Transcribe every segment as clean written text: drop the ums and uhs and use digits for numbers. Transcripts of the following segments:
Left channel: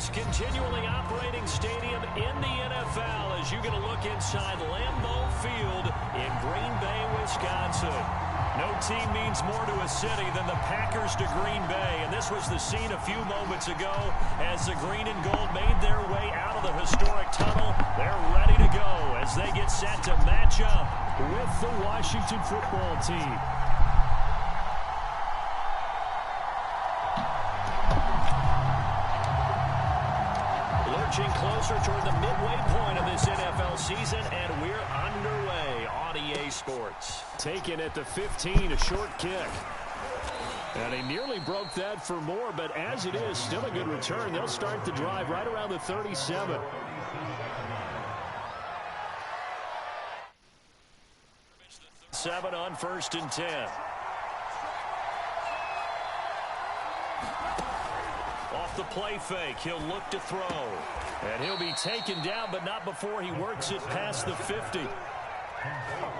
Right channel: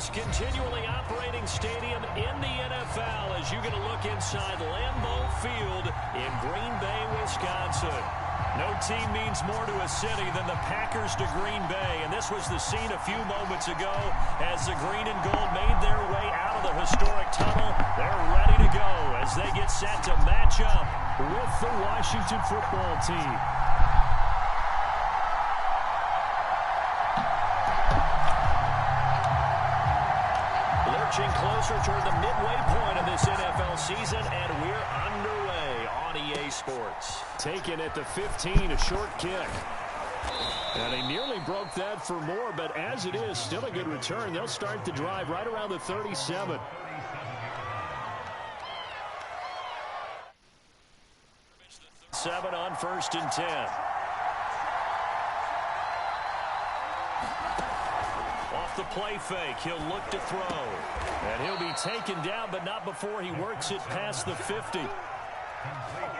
largest continually operating stadium in the NFL as you get a look inside Lambeau Field in Green Bay, Wisconsin. No team means more to a city than the Packers to Green Bay, and this was the scene a few moments ago as the green and gold made their way out of the historic tunnel. They're ready to go as they get set to match up with the Washington football team. Lurching closer toward the midway point of this NFL season, and we're underway on EA Sports. Taken at the 15, a short kick. And he nearly broke that for more, but as it is, still a good return. They'll start the drive right around the 37. Seven on 1st and 10. Off the play fake, he'll look to throw. And he'll be taken down, but not before he works it past the 50.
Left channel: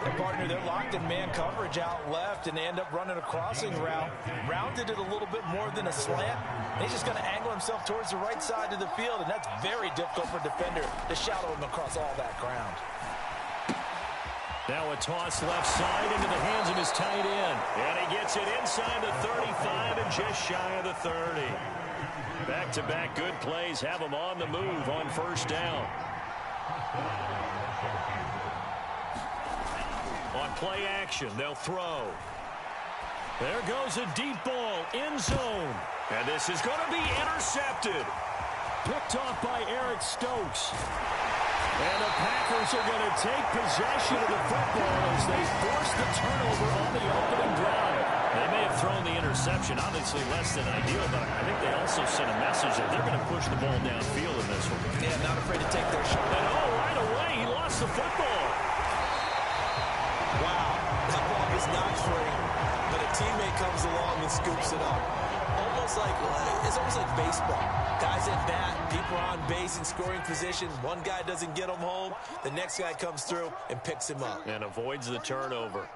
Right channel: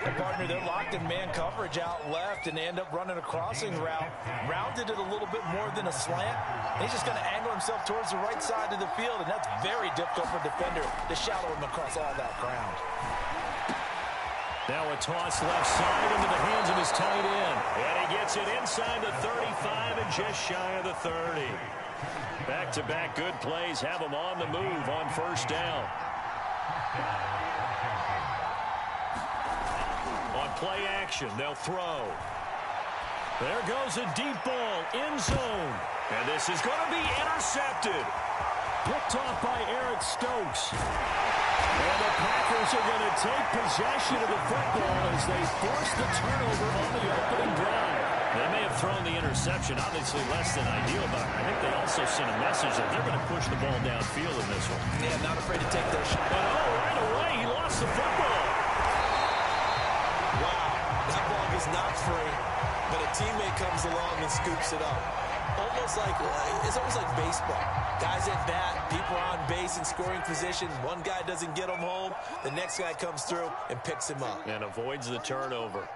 And partner, they're locked in man coverage out left, and they end up running a crossing route. Rounded it a little bit more than a slant. He's just going to angle himself towards the right side of the field, and that's very difficult for a defender to shadow him across all that ground. Now a toss left side into the hands of his tight end. And he gets it inside the 35 and just shy of the 30. Back-to-back good plays have him on the move on 1st down. On play action, they'll throw. There goes a deep ball, end zone. And this is going to be intercepted. Picked off by Eric Stokes. And the Packers are going to take possession of the football as they force the turnover on the opening drive. They may have thrown the interception, obviously less than ideal, but I think they also sent a message that they're going to push the ball downfield in this one. Yeah, not afraid to take their shot. And right away, he lost the football. Wow, that ball gets knocked free, but a teammate comes along and scoops it up. It's almost like baseball. Guys at bat, people are on base in scoring position. One guy doesn't get him home. The next guy comes through and picks him up. And avoids the turnover.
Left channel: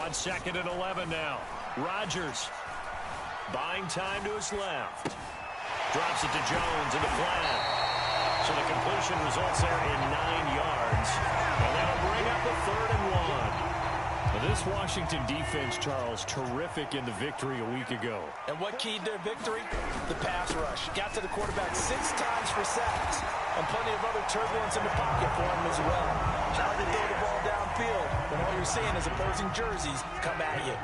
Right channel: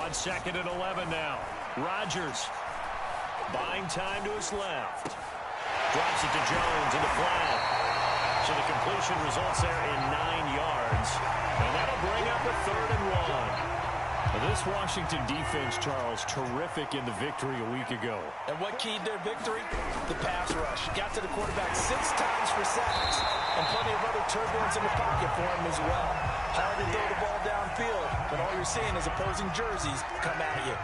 On 2nd and 11 now. Rodgers buying time to his left. Drops it to Jones in the flat. So the completion results there in 9 yards. And that'll bring up a 3rd and 1. This Washington defense, Charles, terrific in the victory a week ago. And what keyed their victory? The pass rush. Got to the quarterback 6 times for sacks. And plenty of other turbulence in the pocket for him as well. Hard to throw the ball downfield, but all you're seeing is opposing jerseys come at you.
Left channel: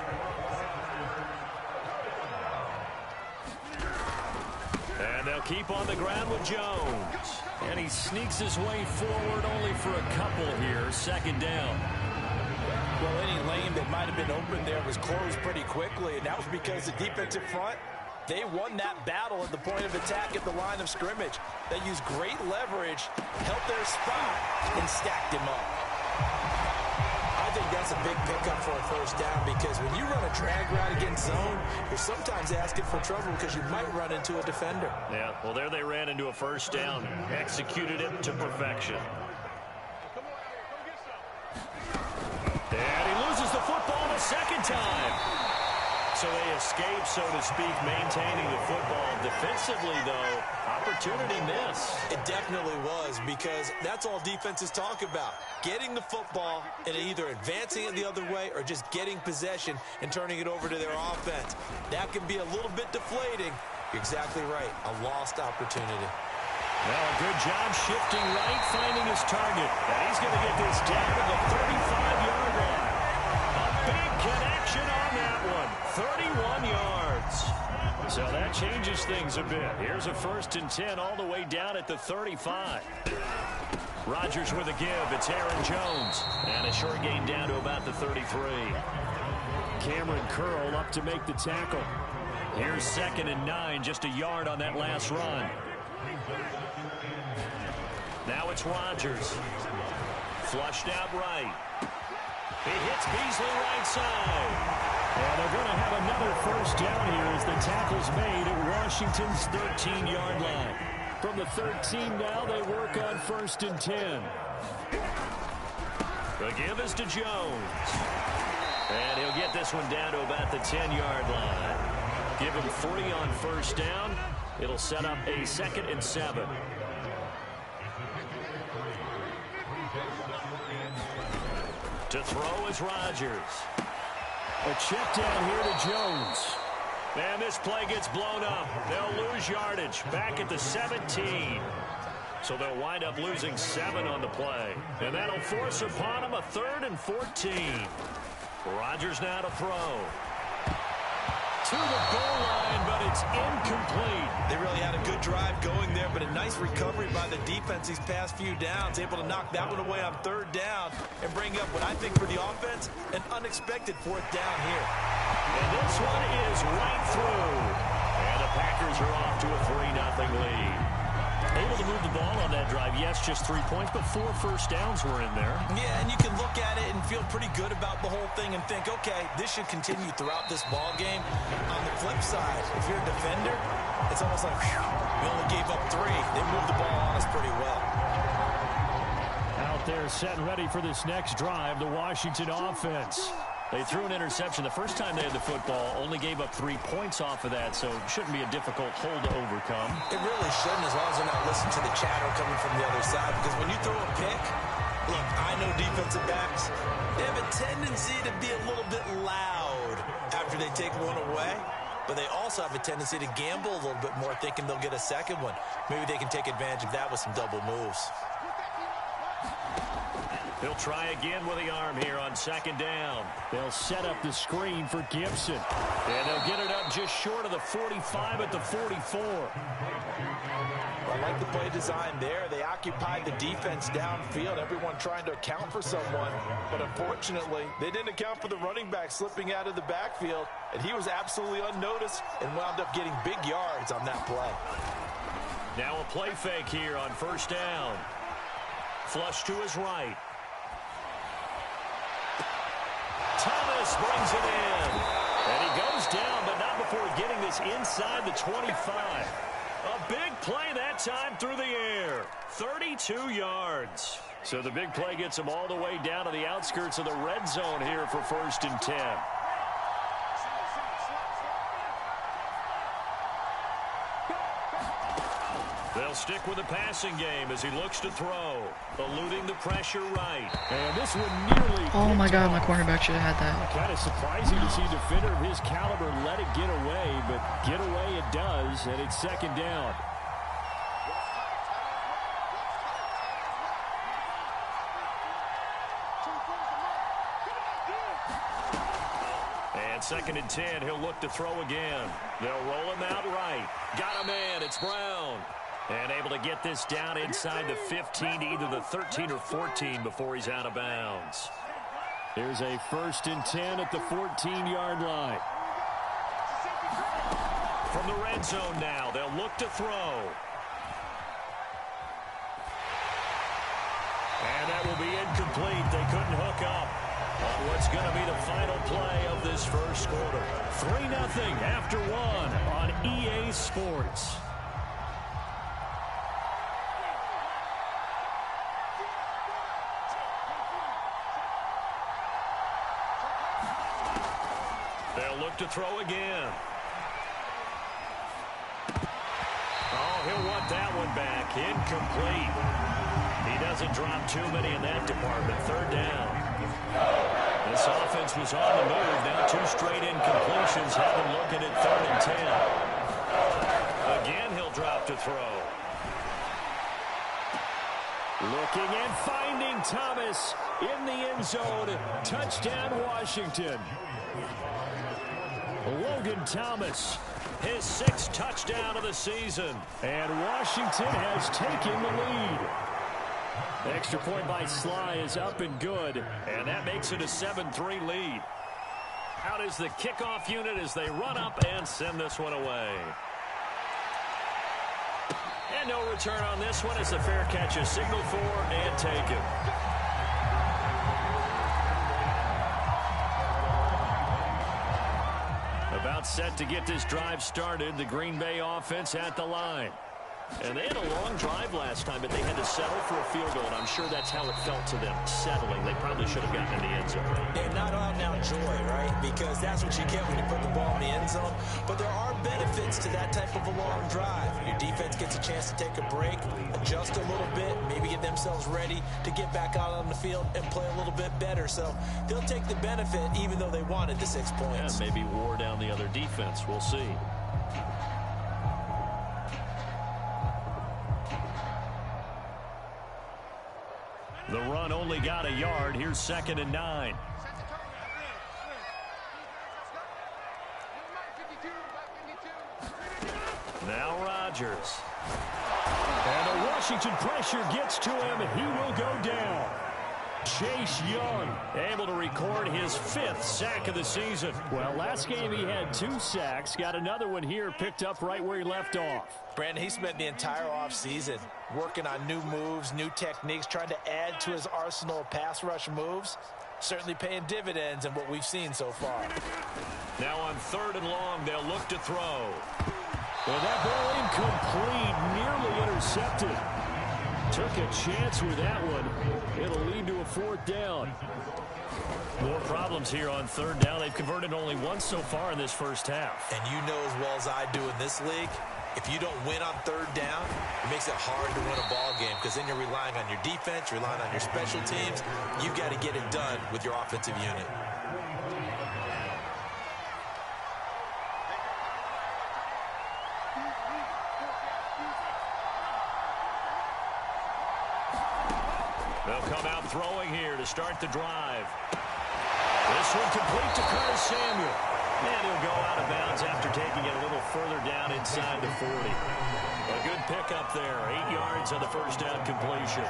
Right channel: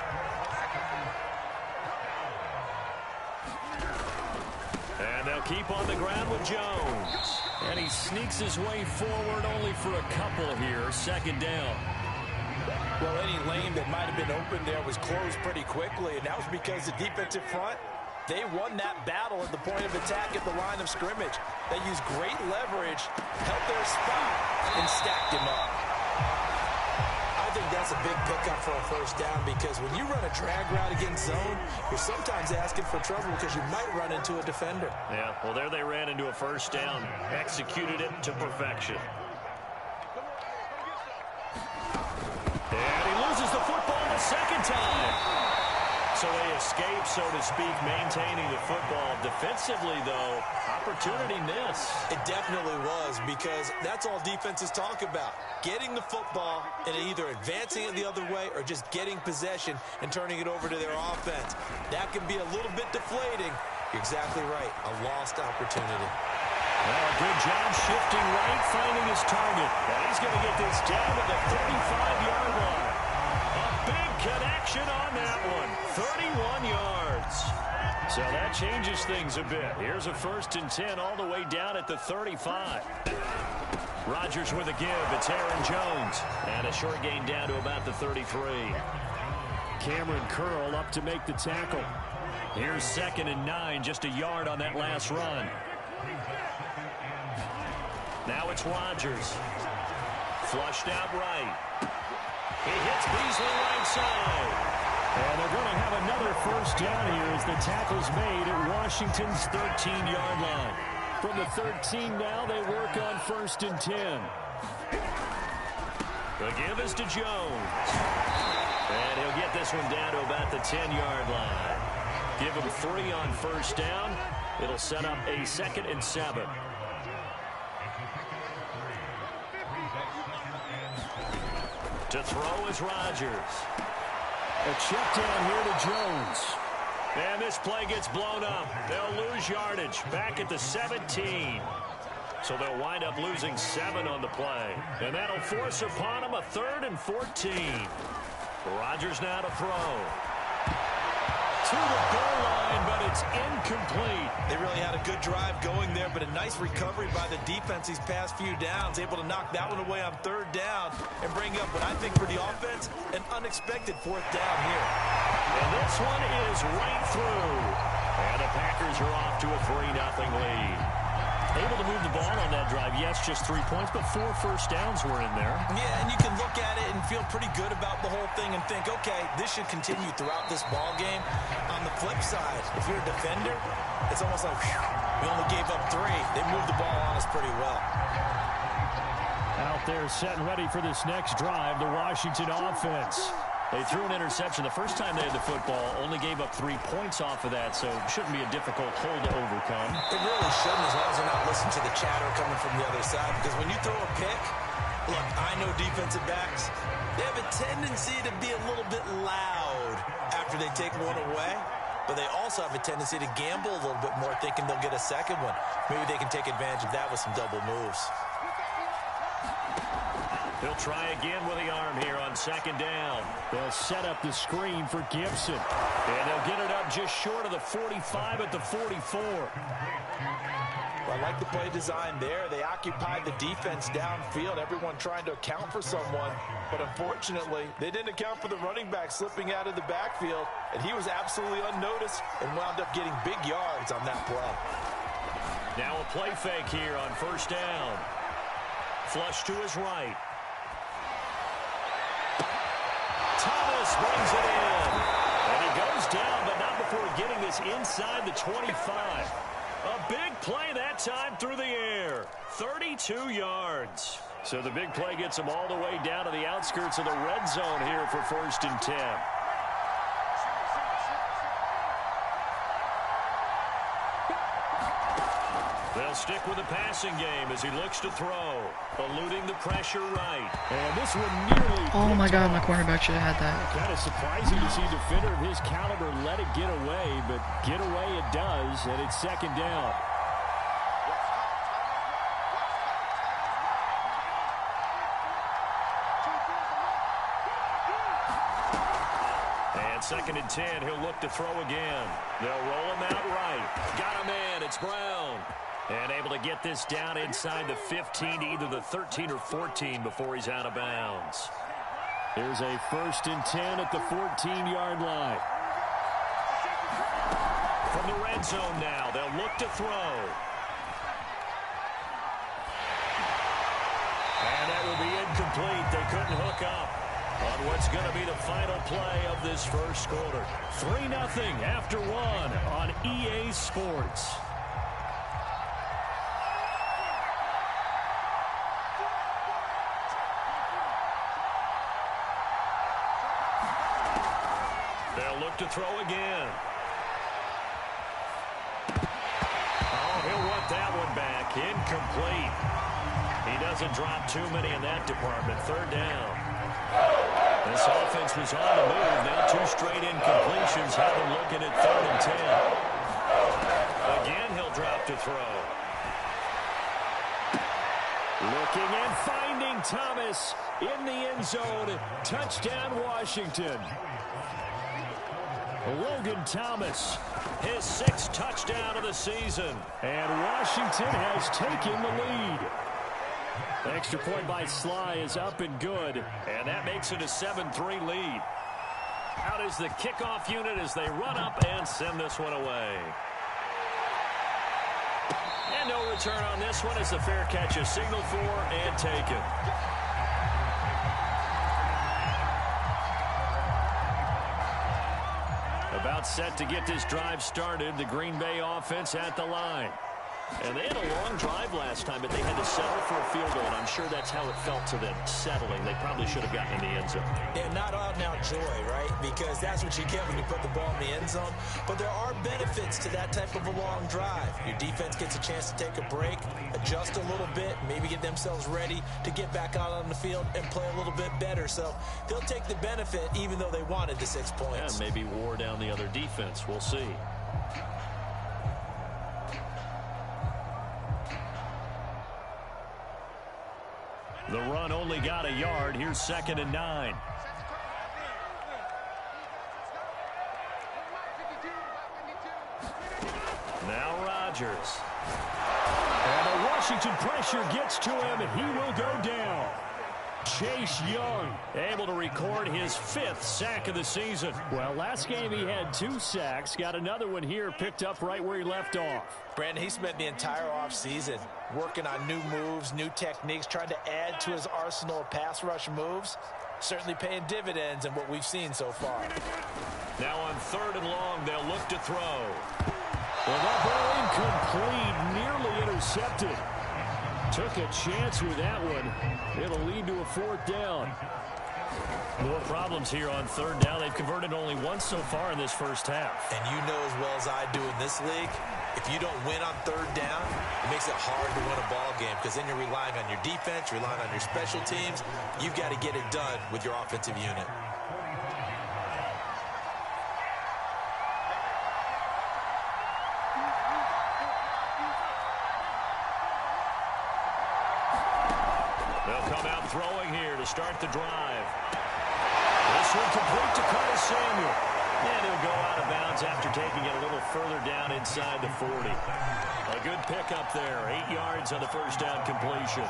And they'll keep on the ground with Jones. And he sneaks his way forward only for a couple here. 2nd down. Well, any lane that might have been open there was closed pretty quickly, and that was because the defensive front, they won that battle at the point of attack at the line of scrimmage. They used great leverage, held their spot, and stacked him up. I think that's a big pickup for a 1st down because when you run a drag route against zone, you're sometimes asking for trouble because you might run into a defender. Yeah, well, there they ran into a 1st down. Executed it to perfection. And he loses the football the 2nd time. So they escape, so to speak, maintaining the football. Defensively, though, opportunity miss. It definitely was because that's all defenses talk about. Getting the football and either advancing it the other way or just getting possession and turning it over to their offense. That can be a little bit deflating. You're exactly right. A lost opportunity. Well, a good job shifting right, finding his target. And he's going to get this down to the 35-yard line. A big connection on that one. 31 yards. So that changes things a bit. Here's a 1st and 10 all the way down at the 35. Rodgers with a give. It's Aaron Jones. And a short gain down to about the 33. Cameron Curl up to make the tackle. Here's 2nd and 9, just a yard on that last run. Now it's Rodgers. Flushed out right. He hits Beasley right side. And they're going to have another 1st down here as the tackle's made at Washington's 13-yard line. From the 13 now, they work on 1st and 10. The give is to Jones. And he'll get this one down to about the 10-yard line. Give him 3 on first down. It'll set up a 2nd and 7. To throw is Rodgers. A check down here to Jones. And this play gets blown up. They'll lose yardage back at the 17. So they'll wind up losing 7 on the play. And that'll force upon them a 3rd and 14. Rodgers now to throw. To the goal line, but it's incomplete. They really had a good drive going there, but a nice recovery by the defense these past few downs. Able to knock that one away on 3rd down and bring up what I think for the offense, an unexpected 4th down here. And this one is right through. And the Packers are off to a 3-0 lead. Able to move the ball on that drive. Yes, just 3 points, but 4 first downs were in there. Yeah, and you can look at it and feel pretty good about the whole thing and think, okay, this should continue throughout this ball game. On the flip side, if you're a defender, it's almost like, whew, we only gave up 3. They moved the ball on us pretty well. Out there setting ready for this next drive, the Washington offense. They threw an interception the first time they had the football, only gave up 3 points off of that, so it shouldn't be a difficult hole to overcome. It really shouldn't, as long as they're not listening to the chatter coming from the other side, because when you throw a pick, look, I know defensive backs, they have a tendency to be a little bit loud after they take one away, but they also have a tendency to gamble a little bit more, thinking they'll get a second one. Maybe they can take advantage of that with some double moves. He'll try again with the arm here on 2nd down. They'll set up the screen for Gibson. And they'll get it up just short of the 45 at the 44. I like the play design there. They occupied the defense downfield, everyone trying to account for someone. But unfortunately, they didn't account for the running back slipping out of the backfield. And he was absolutely unnoticed and wound up getting big yards on that play. Now a play fake here on 1st down. Flush to his right. Thomas brings it in. And he goes down, but not before getting this inside the 25. A big play that time through the air. 32 yards. So the big play gets him all the way down to the outskirts of the red zone here for 1st and 10. They'll stick with the passing game as he looks to throw. Eluding the pressure right. And this one nearly... Oh my God, my cornerback should have had that. Kind of surprising to see a defender of his caliber let it get away, but get away it does, and it's 2nd down. And 2nd and 10, he'll look to throw again. They'll roll him out right. Got a man, it's Brown. And able to get this down inside the 15 to either the 13 or 14 before he's out of bounds. Here's a 1st and 10 at the 14-yard line. From the red zone now, they'll look to throw. And that will be incomplete. They couldn't hook up on what's going to be the final play of this first quarter. 3-0 after 1 on EA Sports. They'll look to throw again. Oh, he'll want that one back. Incomplete. He doesn't drop too many in that department. 3rd down. This offense was on the move. Now 2 straight incompletions have him looking at 3rd and 10. Again, he'll drop to throw. Looking and finding Thomas in the end zone. Touchdown, Washington. Logan Thomas, his 6th touchdown of the season. And Washington has taken the lead. Extra point by Sly is up and good. And that makes it a 7-3 lead. Out is the kickoff unit as they run up and send this one away. And no return on this one as the fair catch is signaled for and taken. About set to get this drive started. The Green Bay offense at the line. And they had a long drive last time, but they had to settle for a field goal, and I'm sure that's how it felt to them, settling. They probably should have gotten in the end zone. Yeah, not out-and-out joy, right? Because that's what you get when you put the ball in the end zone. But there are benefits to that type of a long drive. Your defense gets a chance to take a break, adjust a little bit, maybe get themselves ready to get back out on the field and play a little bit better. So they'll take the benefit even though they wanted the 6 points. And maybe wore down the other defense. We'll see. The run only got a yard. Here's 2nd and 9. Now Rodgers. And the Washington pressure gets to him. He will go down. Chase Young able to record his 5th sack of the season. Well, last game he had 2 sacks. Got another one here, picked up right where he left off. Brandon, he spent the entire offseason working on new moves, new techniques, trying to add to his arsenal of pass rush moves. Certainly paying dividends in what we've seen so far. Now on 3rd and long, they'll look to throw. And that ball incomplete, nearly intercepted. Took a chance with that one. It'll lead to a 4th down. More problems here on 3rd down. They've converted only once so far in this first half. And you know as well as I do in this league, if you don't win on 3rd down, it makes it hard to win a ball game because then you're relying on your defense, you're relying on your special teams. You've got to get it done with your offensive unit. They'll come out throwing here to start the drive. This one complete to Curtis Samuel. And he'll go out of bounds after taking it a little further down inside the 40. A good pickup there. 8 yards on the first down completion.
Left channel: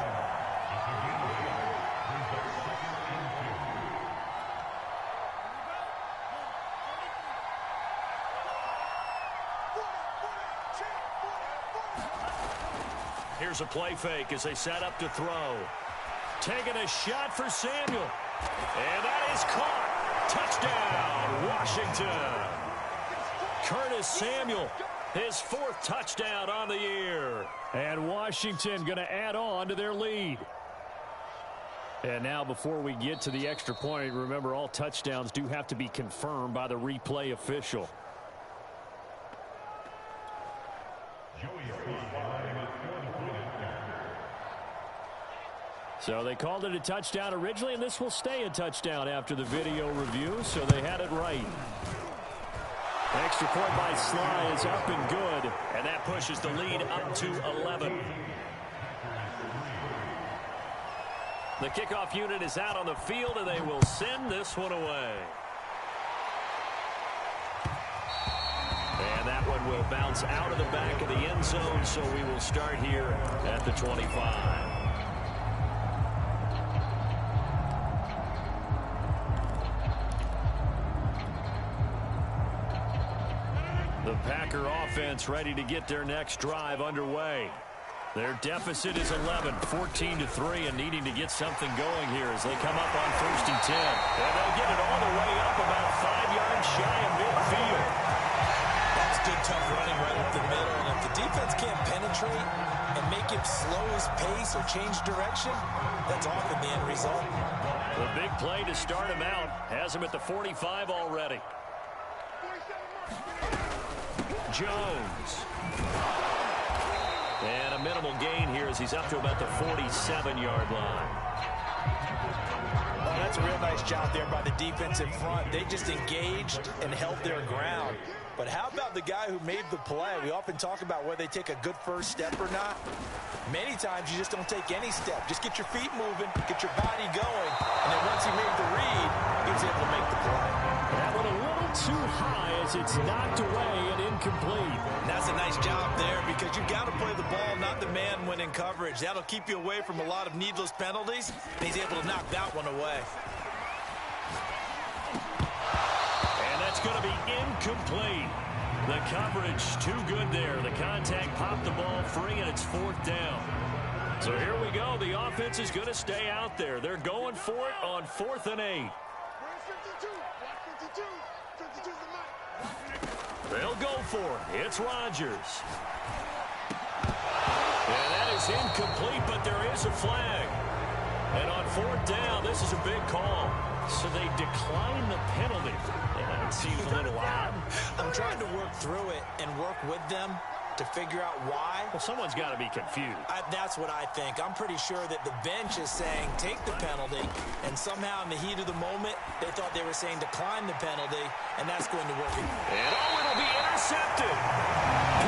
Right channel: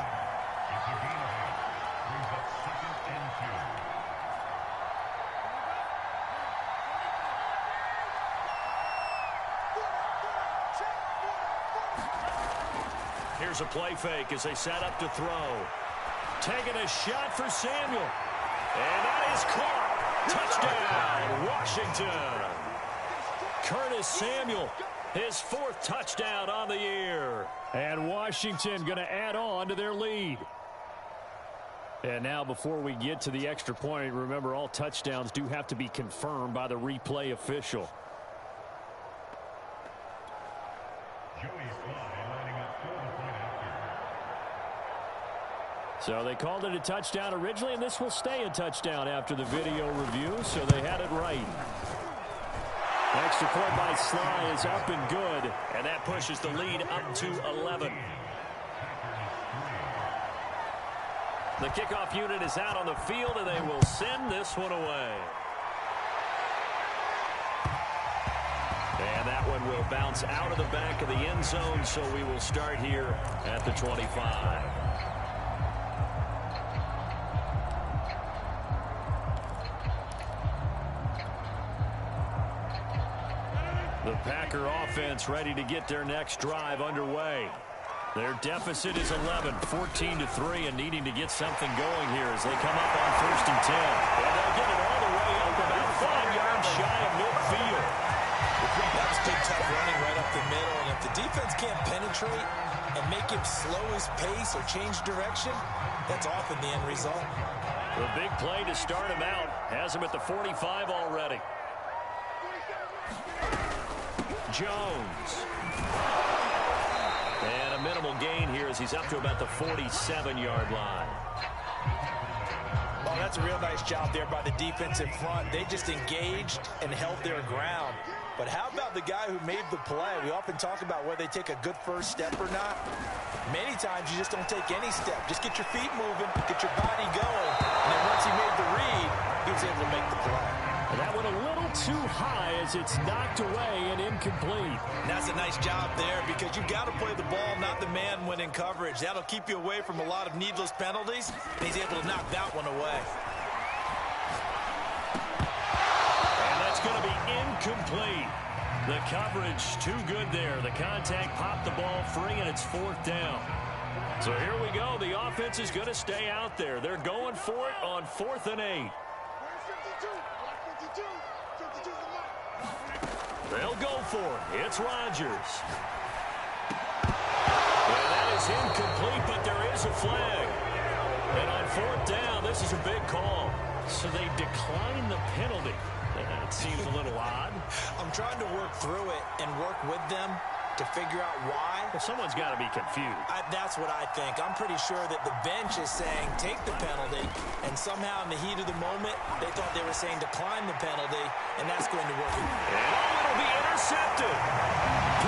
Here's a play fake as they set up to throw. Taking a shot for Samuel. And that is caught. Touchdown, Washington. Curtis Samuel, his 4th touchdown on the year. And Washington going to add on to their lead. And now before we get to the extra point, remember all touchdowns do have to be confirmed by the replay official. So they called it a touchdown originally, and this will stay a touchdown after the video review, so they had it right. Extra point by Sly is up and good, and that pushes the lead up to 11. The kickoff unit is out on the field, and they will send this one away. And that one will bounce out of the back of the end zone, so we will start here at the 25. The Packer offense ready to get their next drive underway. Their deficit is 11, 14-3, and needing to get something going here as they come up on 1st and 10. And they'll get it all the way up about 5 yards shy of midfield. That was good, tough running right up the middle. And if the defense can't penetrate and make him slow his pace or change direction, that's often the end result. The big play to start him out has him at the 45 already. Jones. And a minimal gain here as he's up to about the 47-yard line. Oh, that's a real nice job there by the defensive front. They just engaged and held their ground. But how about the guy who made the play? We often talk about whether they take a good first step or not. Many times you just don't take any step. Just get your feet moving, get your body going, and then once he made the read, he was able to make the play. And that went a little too high as it's knocked away and incomplete. And that's a nice job there because you've got to play the ball, not the man when in coverage. That'll keep you away from a lot of needless penalties, and he's able to knock that one away. And that's going to be incomplete. The coverage too good there. The contact popped the ball free, and it's 4th down. So here we go. The offense is going to stay out there. They're going for it on 4th and 8. They'll go for it. It's Rodgers. And that is incomplete, but there is a flag. And on fourth down, this is a big call. So they decline the penalty. That seems a little odd. I'm trying to work through it and work with them to figure out why. Well, someone's got to be confused. That's what I think. I'm pretty sure that the bench is saying take the penalty, and somehow in the heat of the moment, they thought they were saying decline the penalty, and that's going to work. And it'll be intercepted.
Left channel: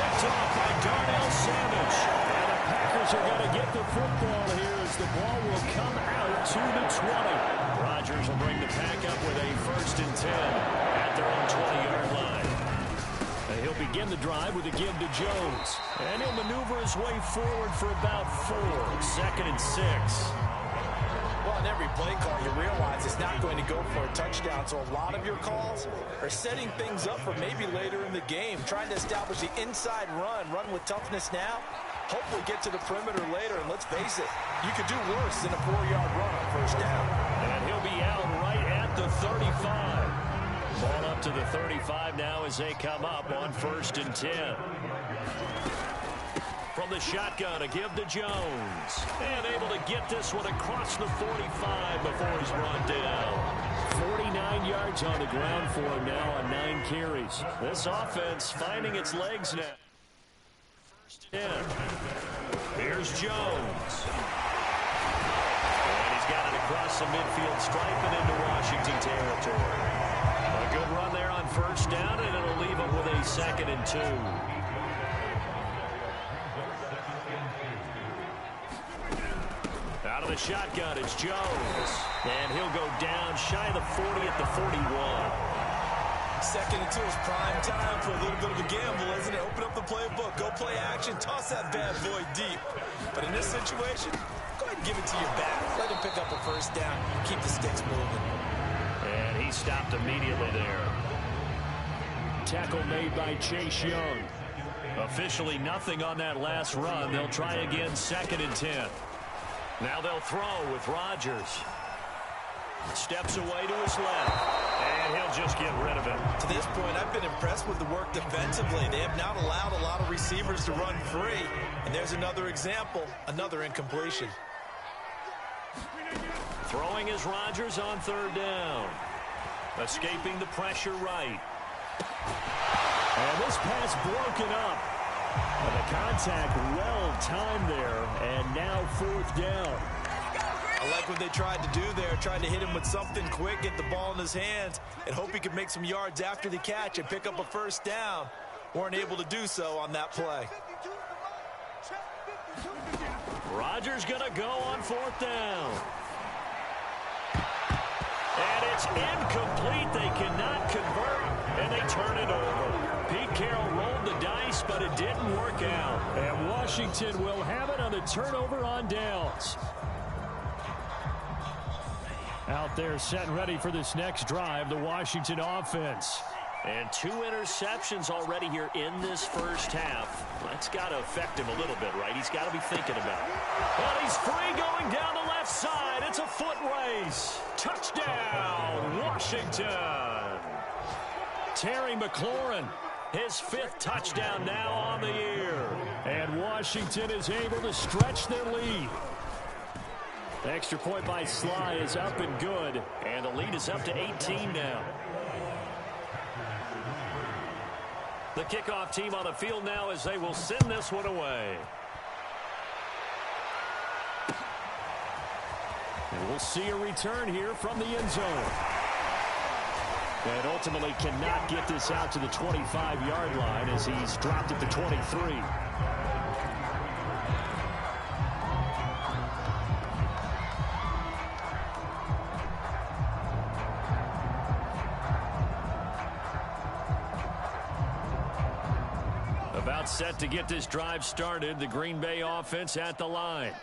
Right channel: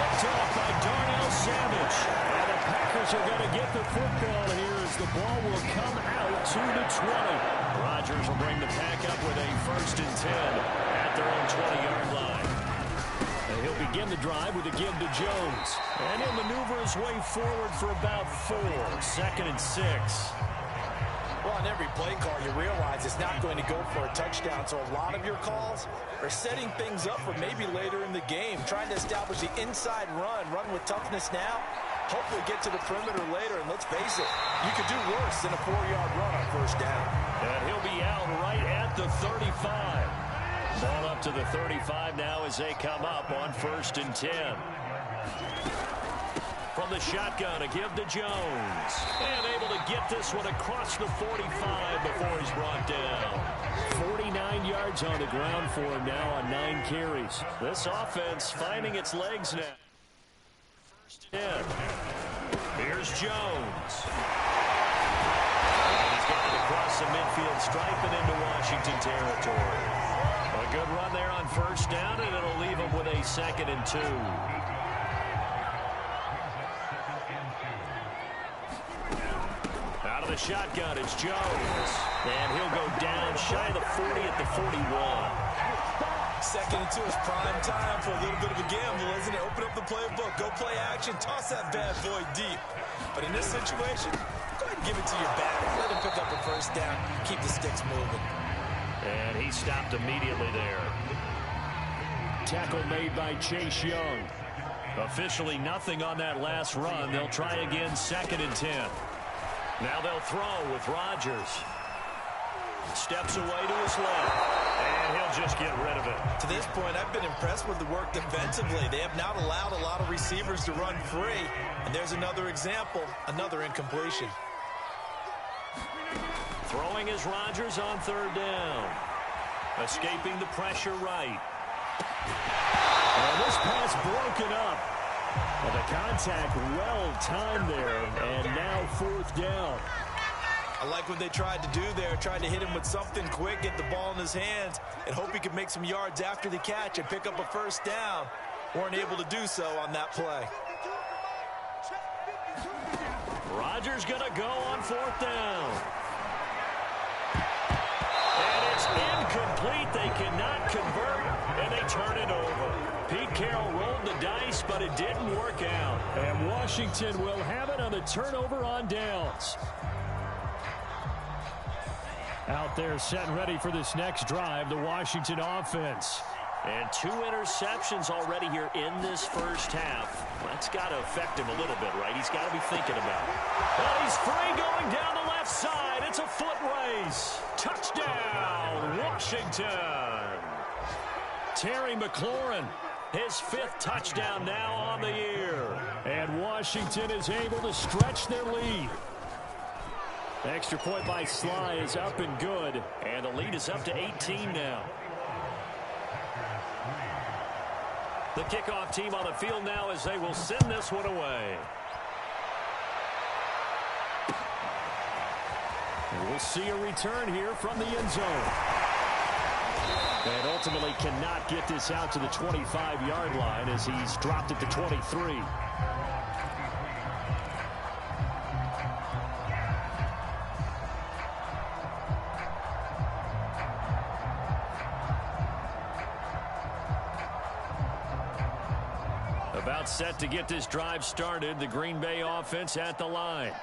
Picked off by Darnell Savage. And the Packers are going to get the football here as the ball will come out to the 20. Rodgers will bring the Pack up with a 1st and 10 at their own 20-yard line. And he'll begin the drive with a give to Jones. And he'll maneuver his way forward for about 4. 2nd and 6. Well, on every play call, you realize it's not going to go for a touchdown. So a lot of your calls are setting things up for maybe later in the game, trying to establish the inside run with toughness now, hopefully get to the perimeter later. And let's face it, you could do worse than a 4-yard run on 1st down. And he'll be out right at the 35. Ball up to the 35 now as they come up on 1st and 10. From the shotgun, a give to Jones. And able to get this one across the 45 before he's brought down. 49 yards on the ground for him now on 9 carries. This offense finding its legs now. 1st and 10. Here's Jones. And he's got it across the midfield stripe and into Washington territory. A good run there on 1st down, and it'll leave him with a 2nd and 2. Out of the shotgun, it's Jones. And he'll go down shy of the 40 at the 41. 2nd and 2 is prime time for a little bit of a gamble, isn't it? Open up the playbook, go play action, toss that bad boy deep. But in this situation, go ahead and give it to your back. Let him pick up a 1st down, keep the sticks moving. And he stopped immediately there. Tackle made by Chase Young. Officially nothing on that last run. They'll try again 2nd and 10. Now they'll throw with Rodgers. Steps away to his left. And he'll just get rid of it. To this point, I've been impressed with the work defensively. They have not allowed a lot of receivers to run free. And there's another example, another incompletion. Throwing is Rodgers on 3rd down. Escaping the pressure right. And this pass broken up. And the contact well timed there. And now 4th down. I like what they tried to do there. Tried to hit him with something quick, get the ball in his hands, and hope he could make some yards after the catch and pick up a 1st down. Weren't able to do so on that play. Rodgers going to go on 4th down. And it's incomplete. They cannot convert, and they turn it over. Pete Carroll rolled the dice, but it didn't work out. And Washington will have it on the turnover on downs. Out there set and ready for this next drive, the Washington offense. And 2 interceptions already here in this 1st half. That's got to affect him a little bit, right? He's got to be thinking about it. And he's free going down the left side. It's a foot race. Touchdown, Washington. Terry McLaurin, his 5th touchdown now on the year. And Washington is able to stretch their lead. Extra point by Sly is up and good. And the lead is up to 18 now. The kickoff team on the field now as they will send this one away. And we'll see a return here from the end zone. And ultimately cannot get this out to the 25-yard line as he's dropped at the 23. About set to get this drive started. The Green Bay offense at the line.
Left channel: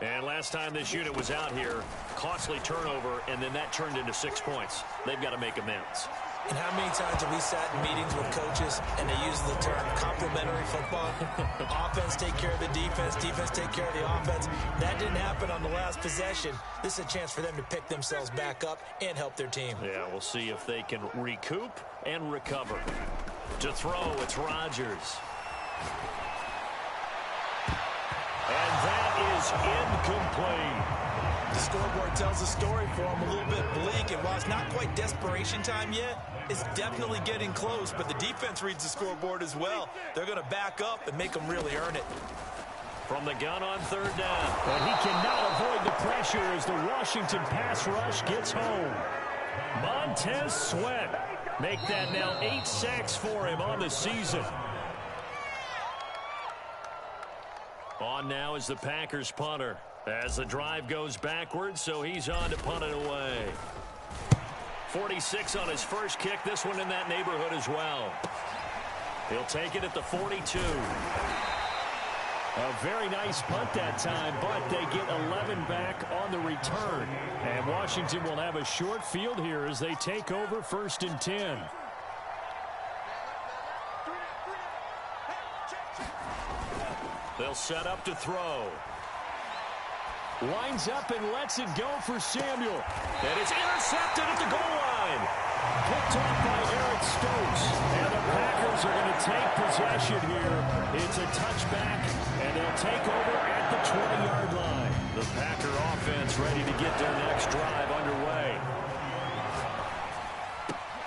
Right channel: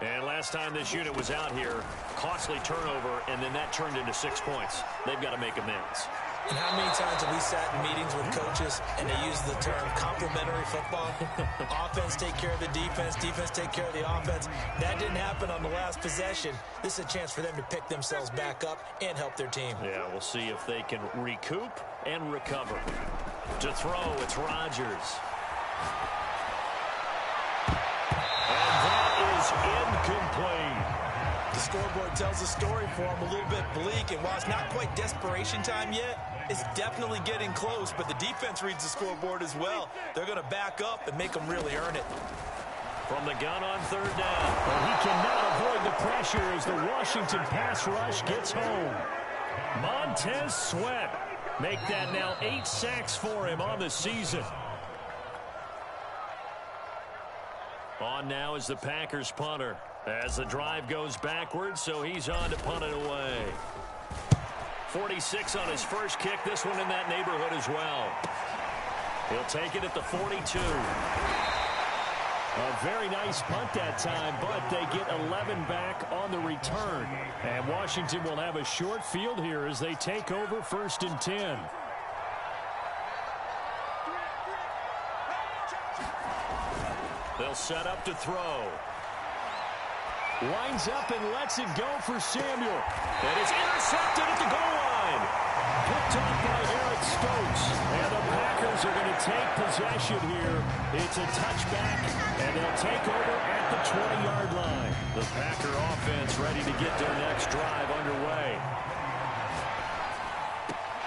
And last time this unit was out here, costly turnover, and then that turned into 6 points. They've got to make amends. And how many times have we sat in meetings with coaches and they use the term complementary football? Offense take care of the defense, defense take care of the offense. That didn't happen on the last possession. This is a chance for them to pick themselves back up and help their team. Yeah, we'll see if they can recoup and recover. To throw, it's Rodgers. And that is incomplete. The scoreboard tells a story for him, a little bit bleak, and while it's not quite desperation time yet, it's definitely getting close, but the defense reads the scoreboard as well. They're going to back up and make them really earn it. From the gun on third down. And he cannot avoid the pressure as the Washington pass rush gets home. Montez Sweat. Make that now 8 sacks for him on the season. On now is the Packers punter. As the drive goes backwards, so he's on to punt it away. 46 on his first kick. This one in that neighborhood as well. He'll take it at the 42. A very nice punt that time, but they get 11 back on the return. And Washington will have a short field here as they take over 1st and 10. They'll set up to throw. Lines up and lets it go for Samuel. And it's intercepted at the goal line. Picked off by Eric Stokes. And the Packers are going to take possession here. It's a touchback, and they'll take over at the 20-yard line. The Packer offense ready to get their next drive underway.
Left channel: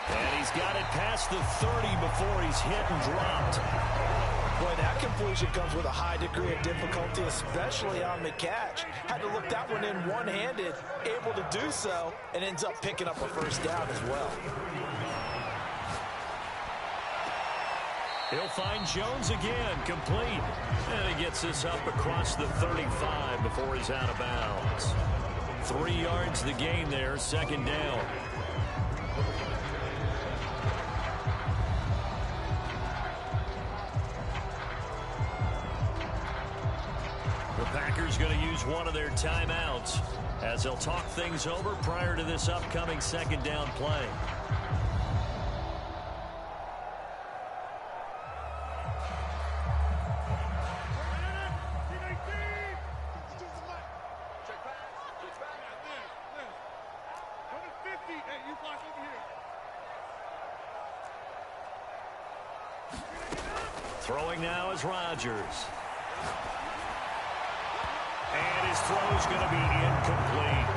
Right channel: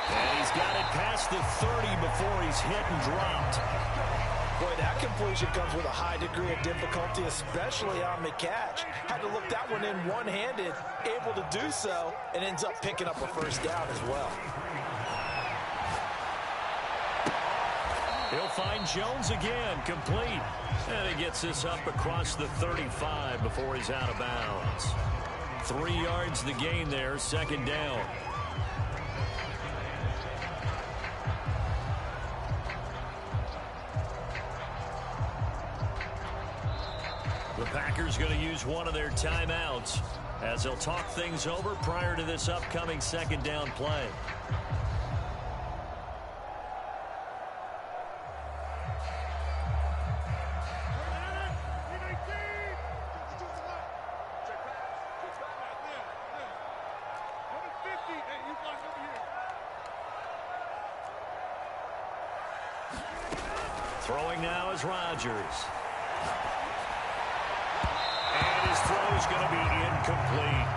And he's got it past the 30 before he's hit and dropped. Boy, that completion comes with a high degree of difficulty, especially on the catch. Had to look that one in one-handed, able to do so, and ends up picking up a first down as well. He'll find Jones again, complete. And he gets this up across the 35 before he's out of bounds. 3 yards the gain there, 2nd down. The Packers going to use one of their timeouts as they'll talk things over prior to this upcoming 2nd down play. Throwing now is Rodgers. And his throw's going to be incomplete.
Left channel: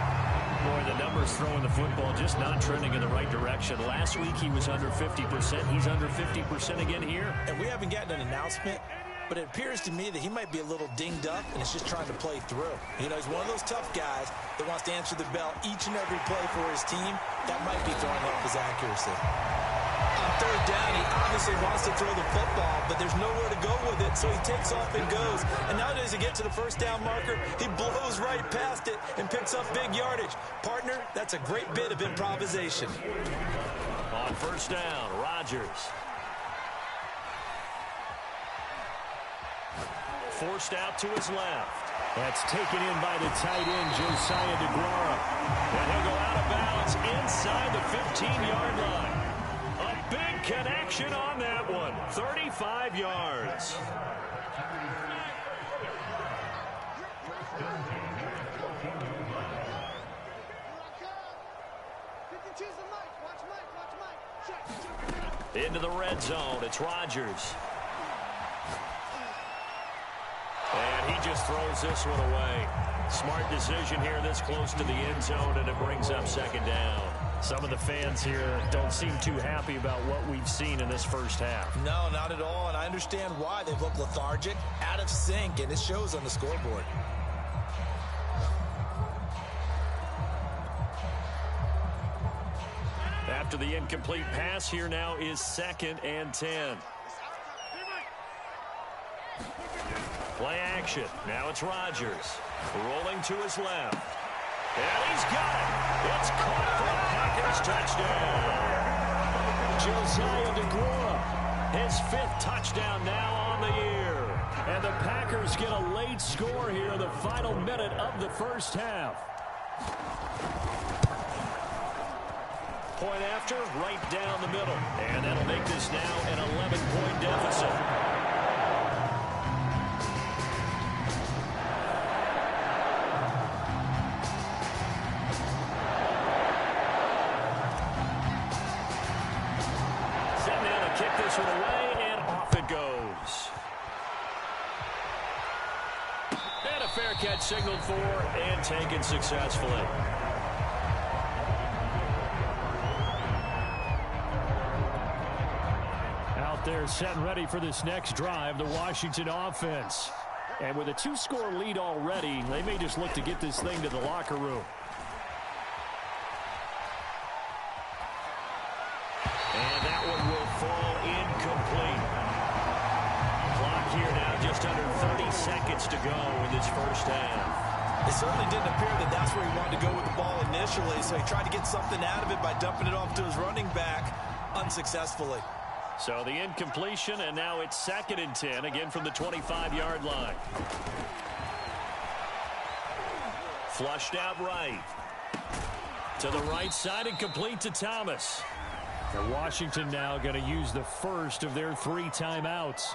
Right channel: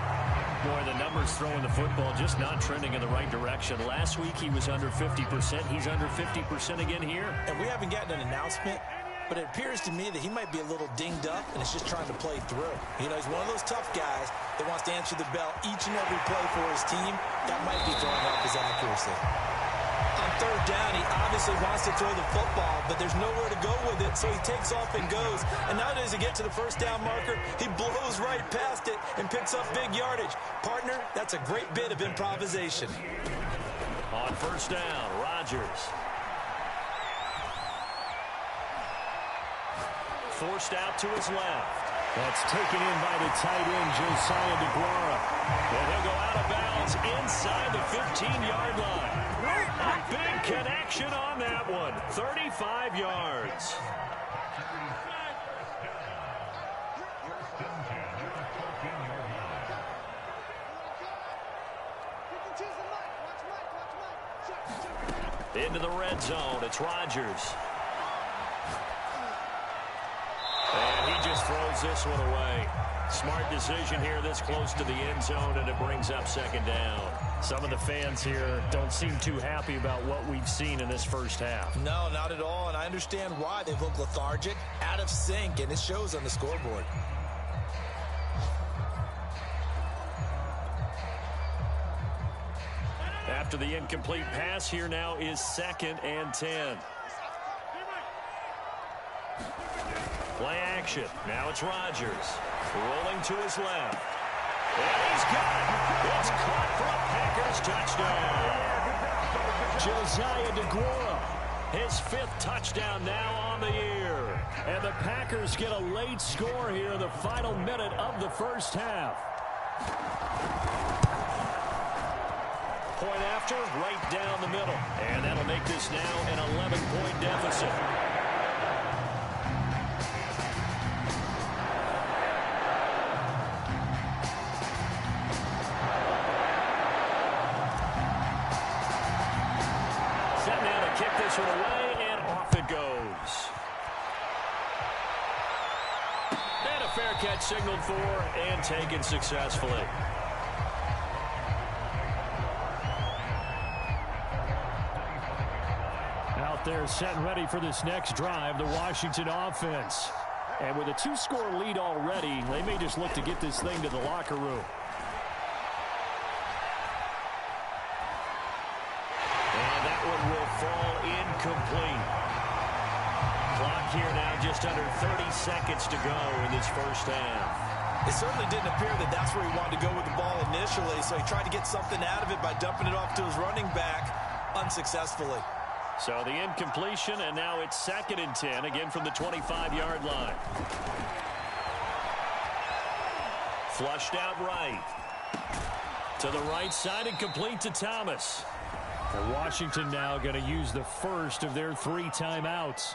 Boy, the numbers throwing the football just not trending in the right direction. Last week he was under 50%. He's under 50% again here. And we haven't gotten an announcement, but it appears to me that he might be a little dinged up and is just trying to play through. You know, he's one of those tough guys that wants to answer the bell each and every play for his team. That might be throwing off his accuracy. On third down, he obviously wants to throw the football, but there's nowhere to go with it, so he takes off and goes. And nowadays, to get to the first down marker, he blows right past it and picks up big yardage. Partner, that's a great bit of improvisation. On first down, Rodgers. Forced out to his left. That's taken in by the tight end, Josiah DeGuara. And he'll go out of bounds inside the 15-yard line. A big connection on that one. 35 yards. Into the red zone. It's Rodgers. And he just throws this one away. Smart decision here this close to the end zone, and it brings up 2nd down. Some of the fans here don't seem too happy about what we've seen in this first half. No, not at all, and I understand why. They've looked lethargic, out of sync, and it shows on the scoreboard. After the incomplete pass, here now is 2nd and 10. Play action. Now it's Rodgers. Rolling to his left. And he's got it. It's caught for a Packers touchdown. Josiah DeGuara, his 5th touchdown now on the year. And the Packers get a late score here in the final minute of the first half. Point after, right down the middle. And that'll make this now an 11-point deficit. Set now to kick this one away, and off it goes. a fair catch signaled for and taken successfully. Out there set and ready for this next drive, the Washington offense. And with a 2-score lead already, they may just look to get this thing to the locker room. And that one will fall incomplete. Clock here now just under 30 seconds to go in this first half. It certainly didn't appear that that's where he wanted to go with the ball initially, so he tried to get something out of it by dumping it off to his running back unsuccessfully. So the incompletion, and now it's 2nd and 10, again from the 25-yard line. Flushed out right. To the right side and complete to Thomas. And Washington now going to use the first of their 3 timeouts,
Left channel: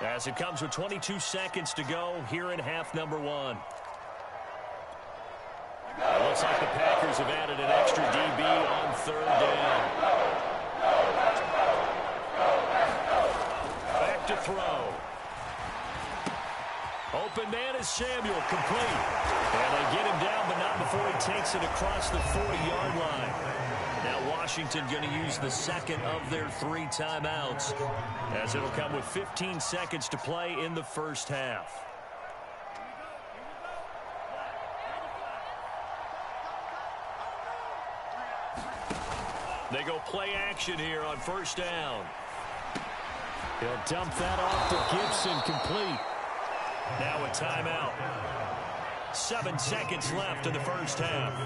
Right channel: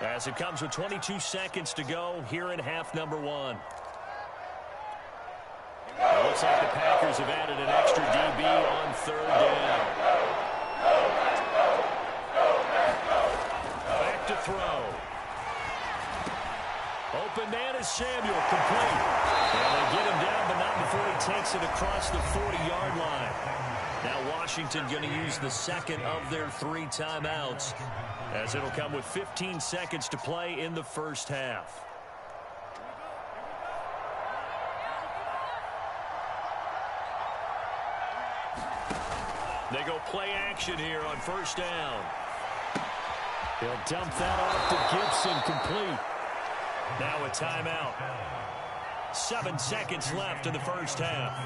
as it comes with 22 seconds to go here in half number 1. It looks like the Packers have added an extra DB on 3rd down. Back to throw. Open man is Samuel, complete. And they get him down, but not before he takes it across the 40-yard line. Now Washington going to use the 2nd of their 3 timeouts, as it'll come with 15 seconds to play in the first half. They go play action here on 1st down. He'll dump that off to Gibson, complete. Now a timeout. 7 seconds left in the first half.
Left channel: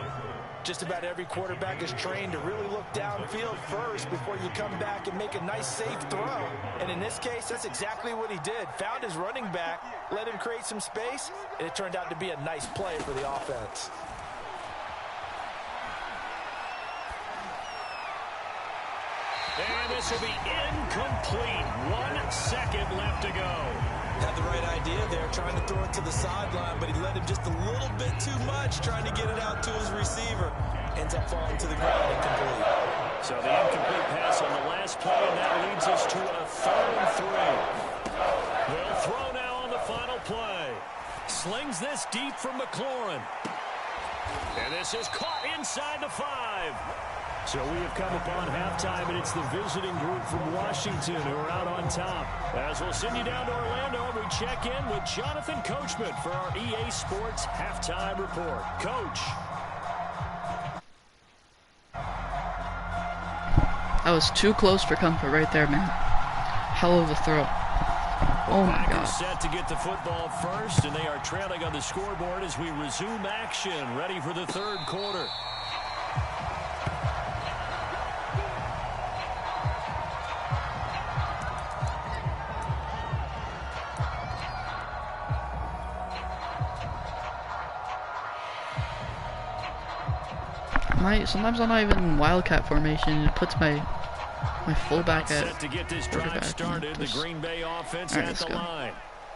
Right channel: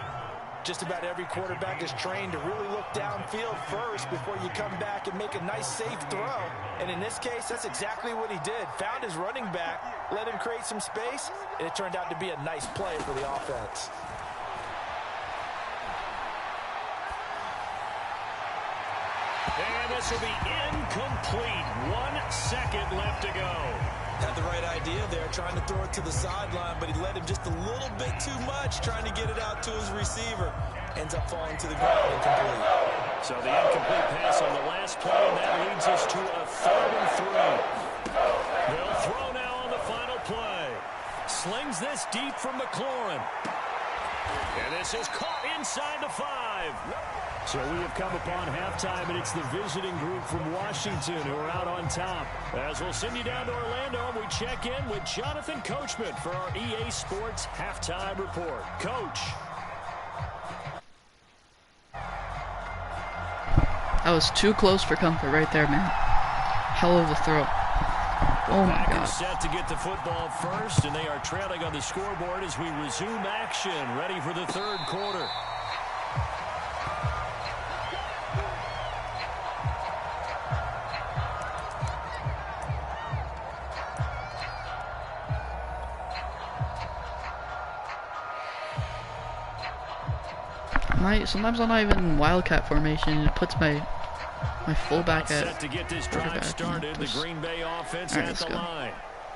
Just about every quarterback is trained to really look downfield first before you come back and make a nice, safe throw. And in this case, that's exactly what he did. Found his running back, let him create some space, and it turned out to be a nice play for the offense. And this will be incomplete. 1 second left to go. Had the right idea there, trying to throw it to the sideline, but he let him just a little bit too much, trying to get it out to his receiver. Ends up falling to the ground incomplete. So the incomplete pass on the last play, and that leads us to a 3rd and 3. They'll throw now on the final play. Slings this deep from McLaurin. And this is caught inside the 5. So we have come upon halftime, and it's the visiting group from Washington who are out on top. As we'll send you down to Orlando, and we check in with Jonathan Coachman for our EA Sports Halftime Report. Coach. That was too close for comfort right there, man. Hell of a throw. Oh my God. Set to get the football first, and they are trailing on the scoreboard as we resume action, ready for the 3rd quarter. Sometimes I'm not even in Wildcat formation. It puts my fullback at set to get this drive started. The Green Bay offense at the line.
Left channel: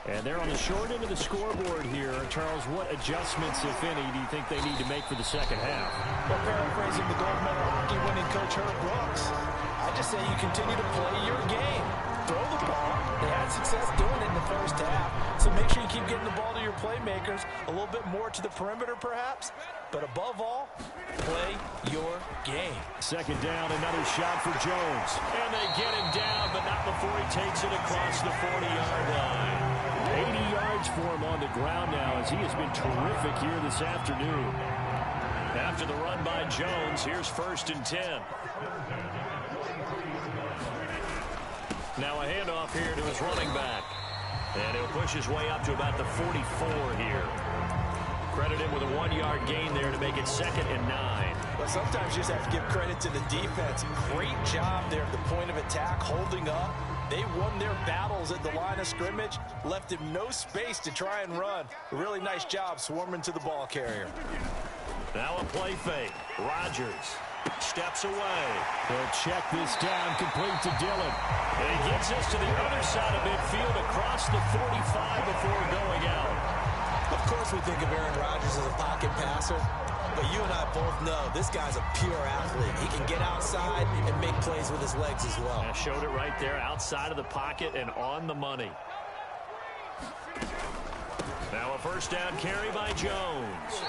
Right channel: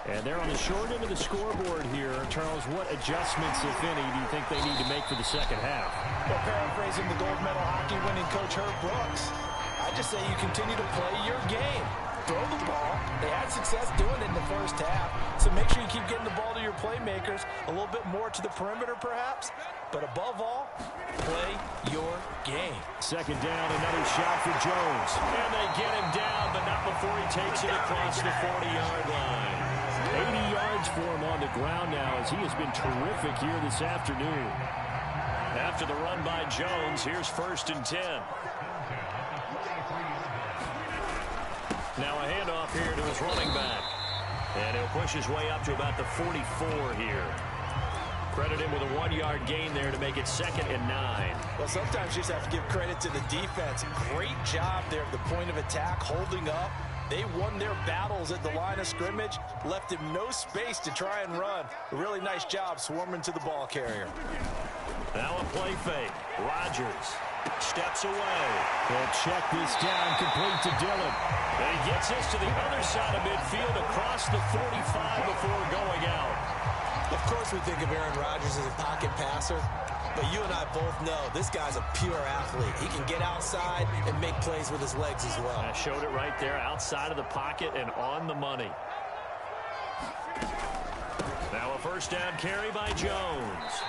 And they're on the short end of the scoreboard here. Charles, what adjustments, if any, do you think they need to make for the second half? Well, paraphrasing the gold medal hockey winning coach Herb Brooks, I just say you continue to play your game. Throw the ball. They had success doing it in the first half, so make sure you keep getting the ball to your playmakers, a little bit more to the perimeter perhaps, but above all, play your game. 2nd down, another shot for Jones. And they get him down, but not before he takes it across the 40-yard line. 80 yards for him on the ground now, as he has been terrific here this afternoon. After the run by Jones, here's 1st and 10. Now a handoff here to his running back. And he'll push his way up to about the 44 here. Credit him with a 1-yard gain there to make it 2nd and 9. Well, sometimes you just have to give credit to the defense. Great job there at the point of attack, holding up. They won their battles at the line of scrimmage, left him no space to try and run. A really nice job swarming to the ball carrier. Now a play fake. Rodgers steps away. He'll check this down, complete to Dillon. And he gets this to the other side of midfield across the 45 before going out. Of course we think of Aaron Rodgers as a pocket passer, but you and I both know this guy's a pure athlete. He can get outside and make plays with his legs as well. I showed it right there, outside of the pocket and on the money. Now a first down carry by Jones.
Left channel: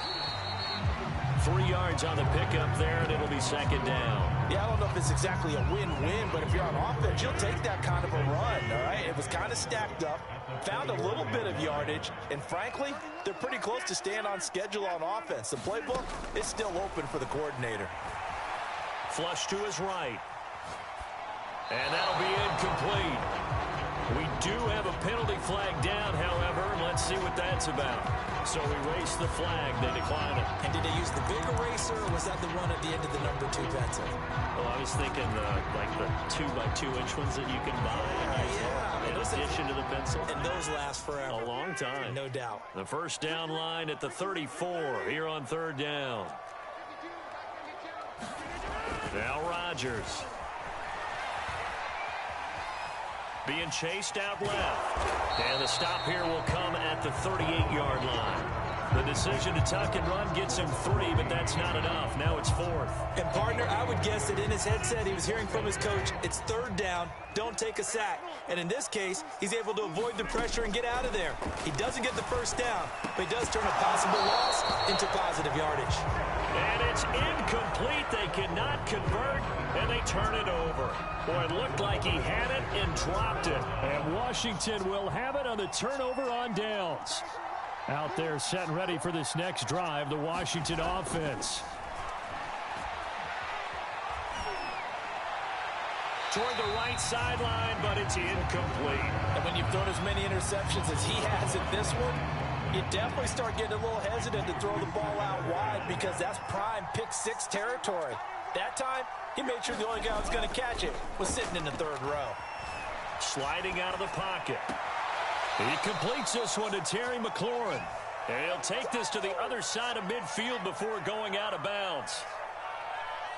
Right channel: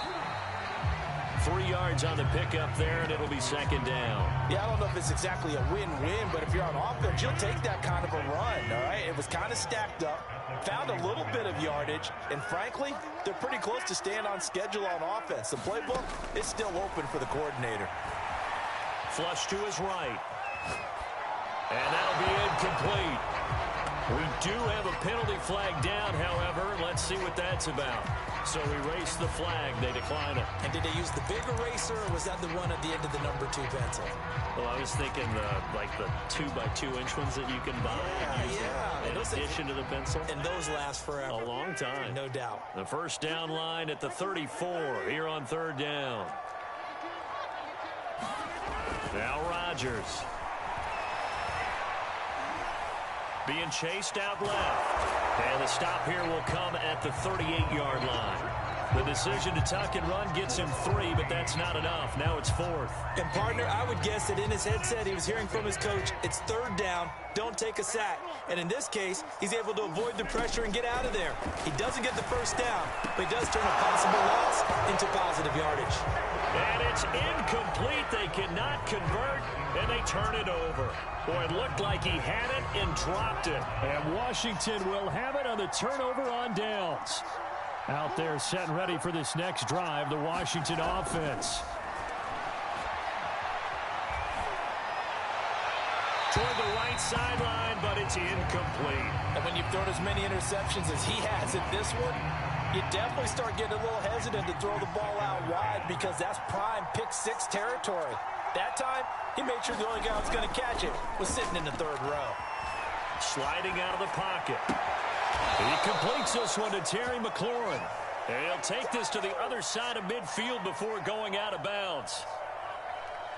3 yards on the pickup there, and it'll be second down. Yeah, I don't know if it's exactly a win-win, but if you're on offense, you'll take that kind of a run, all right? It was kind of stacked up, found a little bit of yardage, and frankly, they're pretty close to staying on schedule on offense. The playbook is still open for the coordinator. Flush to his right. And that'll be incomplete. We do have a penalty flag down, however. Let's see what that's about. So erase the flag. They decline it. And did they use the big eraser, or was that the one at the end of the number 2 pencil? Well, I was thinking like the 2x2 inch ones that you can buy. Yeah. In addition to the pencil. And those last forever. A long time. No doubt. The first down line at the 34 here on third down. Now Rodgers. Being chased out left. And the stop here will come at the 38-yard line. The decision to tuck and run gets him 3, but that's not enough. Now it's 4th. And, partner, I would guess that in his headset he was hearing from his coach, it's third down, don't take a sack. And in this case, he's able to avoid the pressure and get out of there. He doesn't get the first down, but he does turn a possible loss into positive yardage. And it's incomplete. They cannot convert, and they turn it over. Boy, it looked like he had it and dropped it. And Washington will have it on the turnover on downs. Out there set and ready for this next drive, the Washington offense. Toward the right sideline, but it's incomplete. And when you've thrown as many interceptions as he has at this one, you definitely start getting a little hesitant to throw the ball out wide because that's prime pick 6 territory. That time, he made sure the only guy who was going to catch it was sitting in the third row. Sliding out of the pocket. He completes this one to Terry McLaurin. And he'll take this to the other side of midfield before going out of bounds.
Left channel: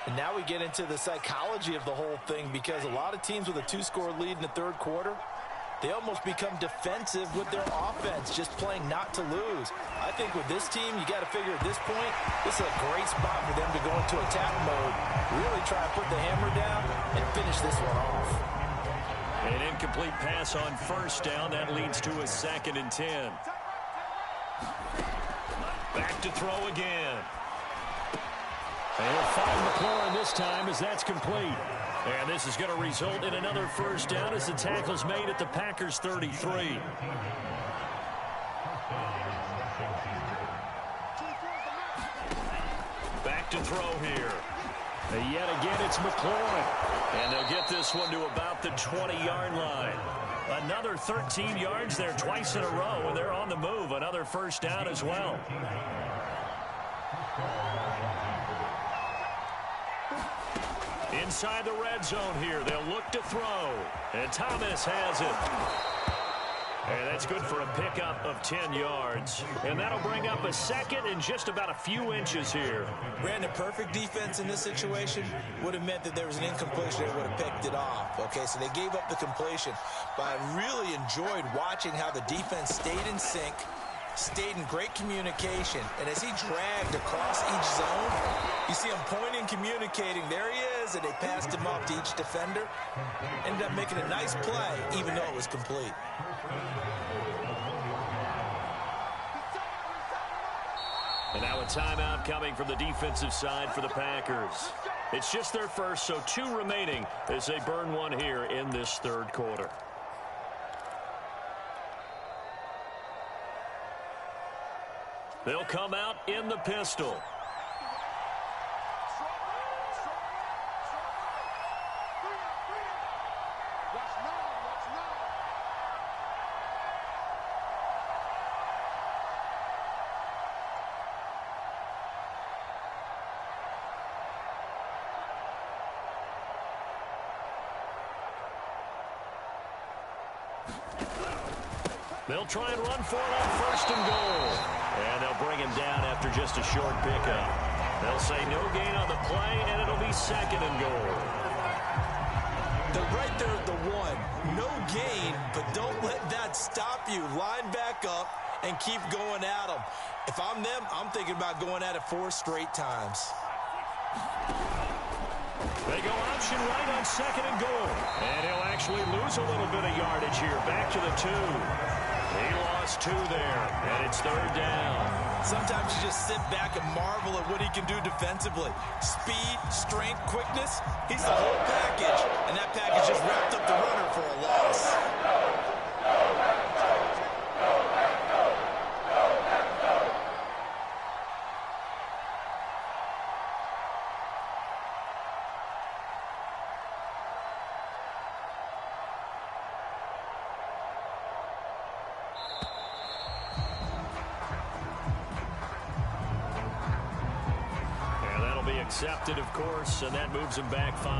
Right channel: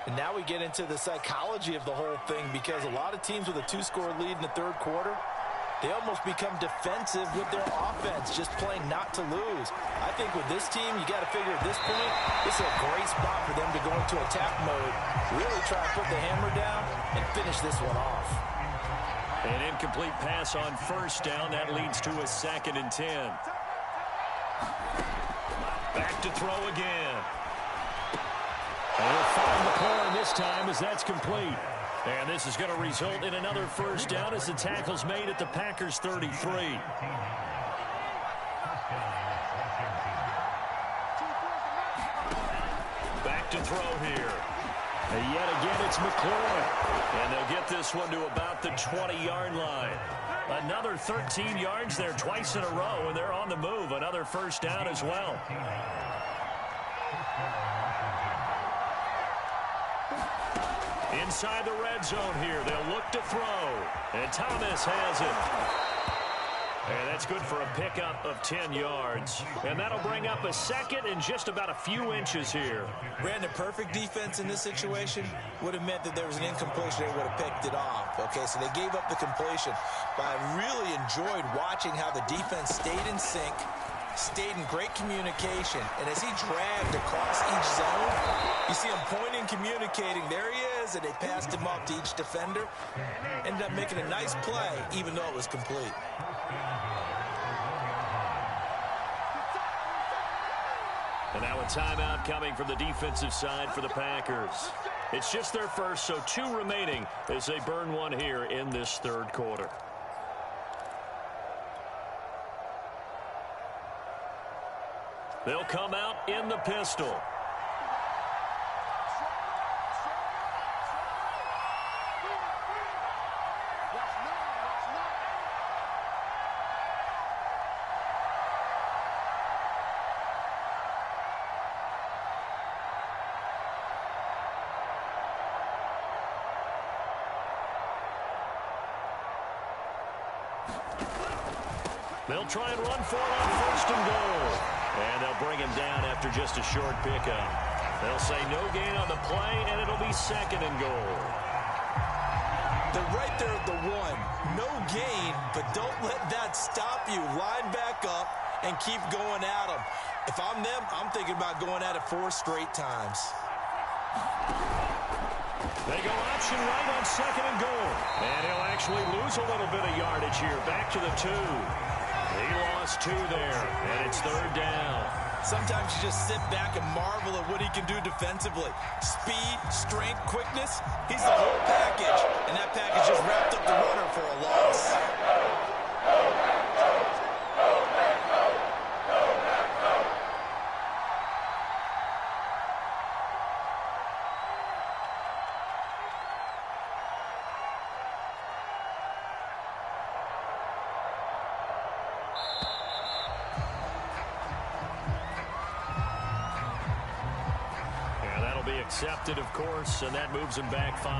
And now we get into the psychology of the whole thing because a lot of teams with a 2-score lead in the third quarter, they almost become defensive with their offense, just playing not to lose. I think with this team, you got to figure at this point, this is a great spot for them to go into attack mode, really try and put the hammer down and finish this one off. An incomplete pass on first down. That leads to a 2nd and 10. Back to throw again. And he'll find McLaurin this time as that's complete. And this is going to result in another first down as the tackle's made at the Packers' 33. Back to throw here. And yet again, it's McLaurin. And they'll get this one to about the 20-yard line. Another 13 yards there twice in a row, and they're on the move. Another first down as well. Inside the red zone here, they'll look to throw. And Thomas has it. And that's good for a pickup of 10 yards. And that'll bring up a 2nd and just about a few inches here. Brandon, perfect defense in this situation would have meant that there was an incompletion. They would have picked it off. Okay, so they gave up the completion. But I really enjoyed watching how the defense stayed in sync, stayed in great communication, and as he dragged across each zone, you see him pointing, communicating. There he is, and they passed him off to each defender. Ended up making a nice play, even though it was complete. And now a timeout coming from the defensive side for the Packers. It's just their first, so 2 remaining as they burn one here in this third quarter. They'll come out in the pistol. They'll try and run for it on 1st and goal. And they'll bring him down after just a short pickup. They'll say no gain on the play, and it'll be 2nd and goal. They're right there at the 1. No gain, but don't let that stop you. Line back up and keep going at them. If I'm them, I'm thinking about going at it 4 straight times. They go option right on 2nd and goal. And he'll actually lose a little bit of yardage here. Back to the 2. He lost 2 there, and it's 3rd down. Sometimes you just sit back and marvel at what he can do defensively. Speed, strength, quickness. He's the whole package, and that package just wrapped up the runner for a loss. Be accepted, of course, and that moves him back 5.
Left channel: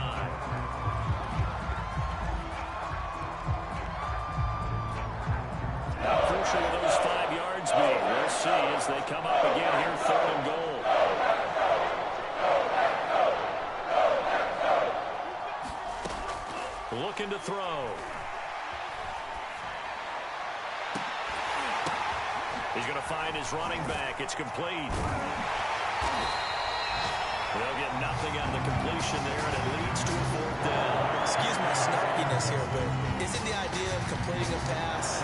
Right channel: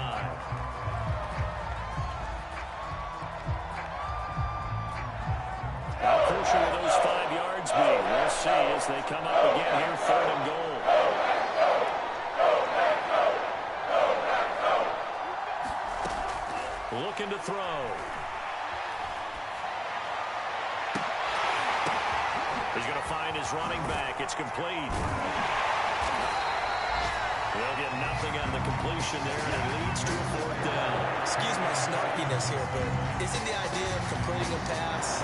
How crucial will those 5 yards be? We'll see as they come up again here, 3rd and goal. Looking to throw. He's going to find his running back. It's complete. They'll get nothing on the completion there, and it leads to a 4th down. Excuse my snarkiness here, but isn't the idea of completing a pass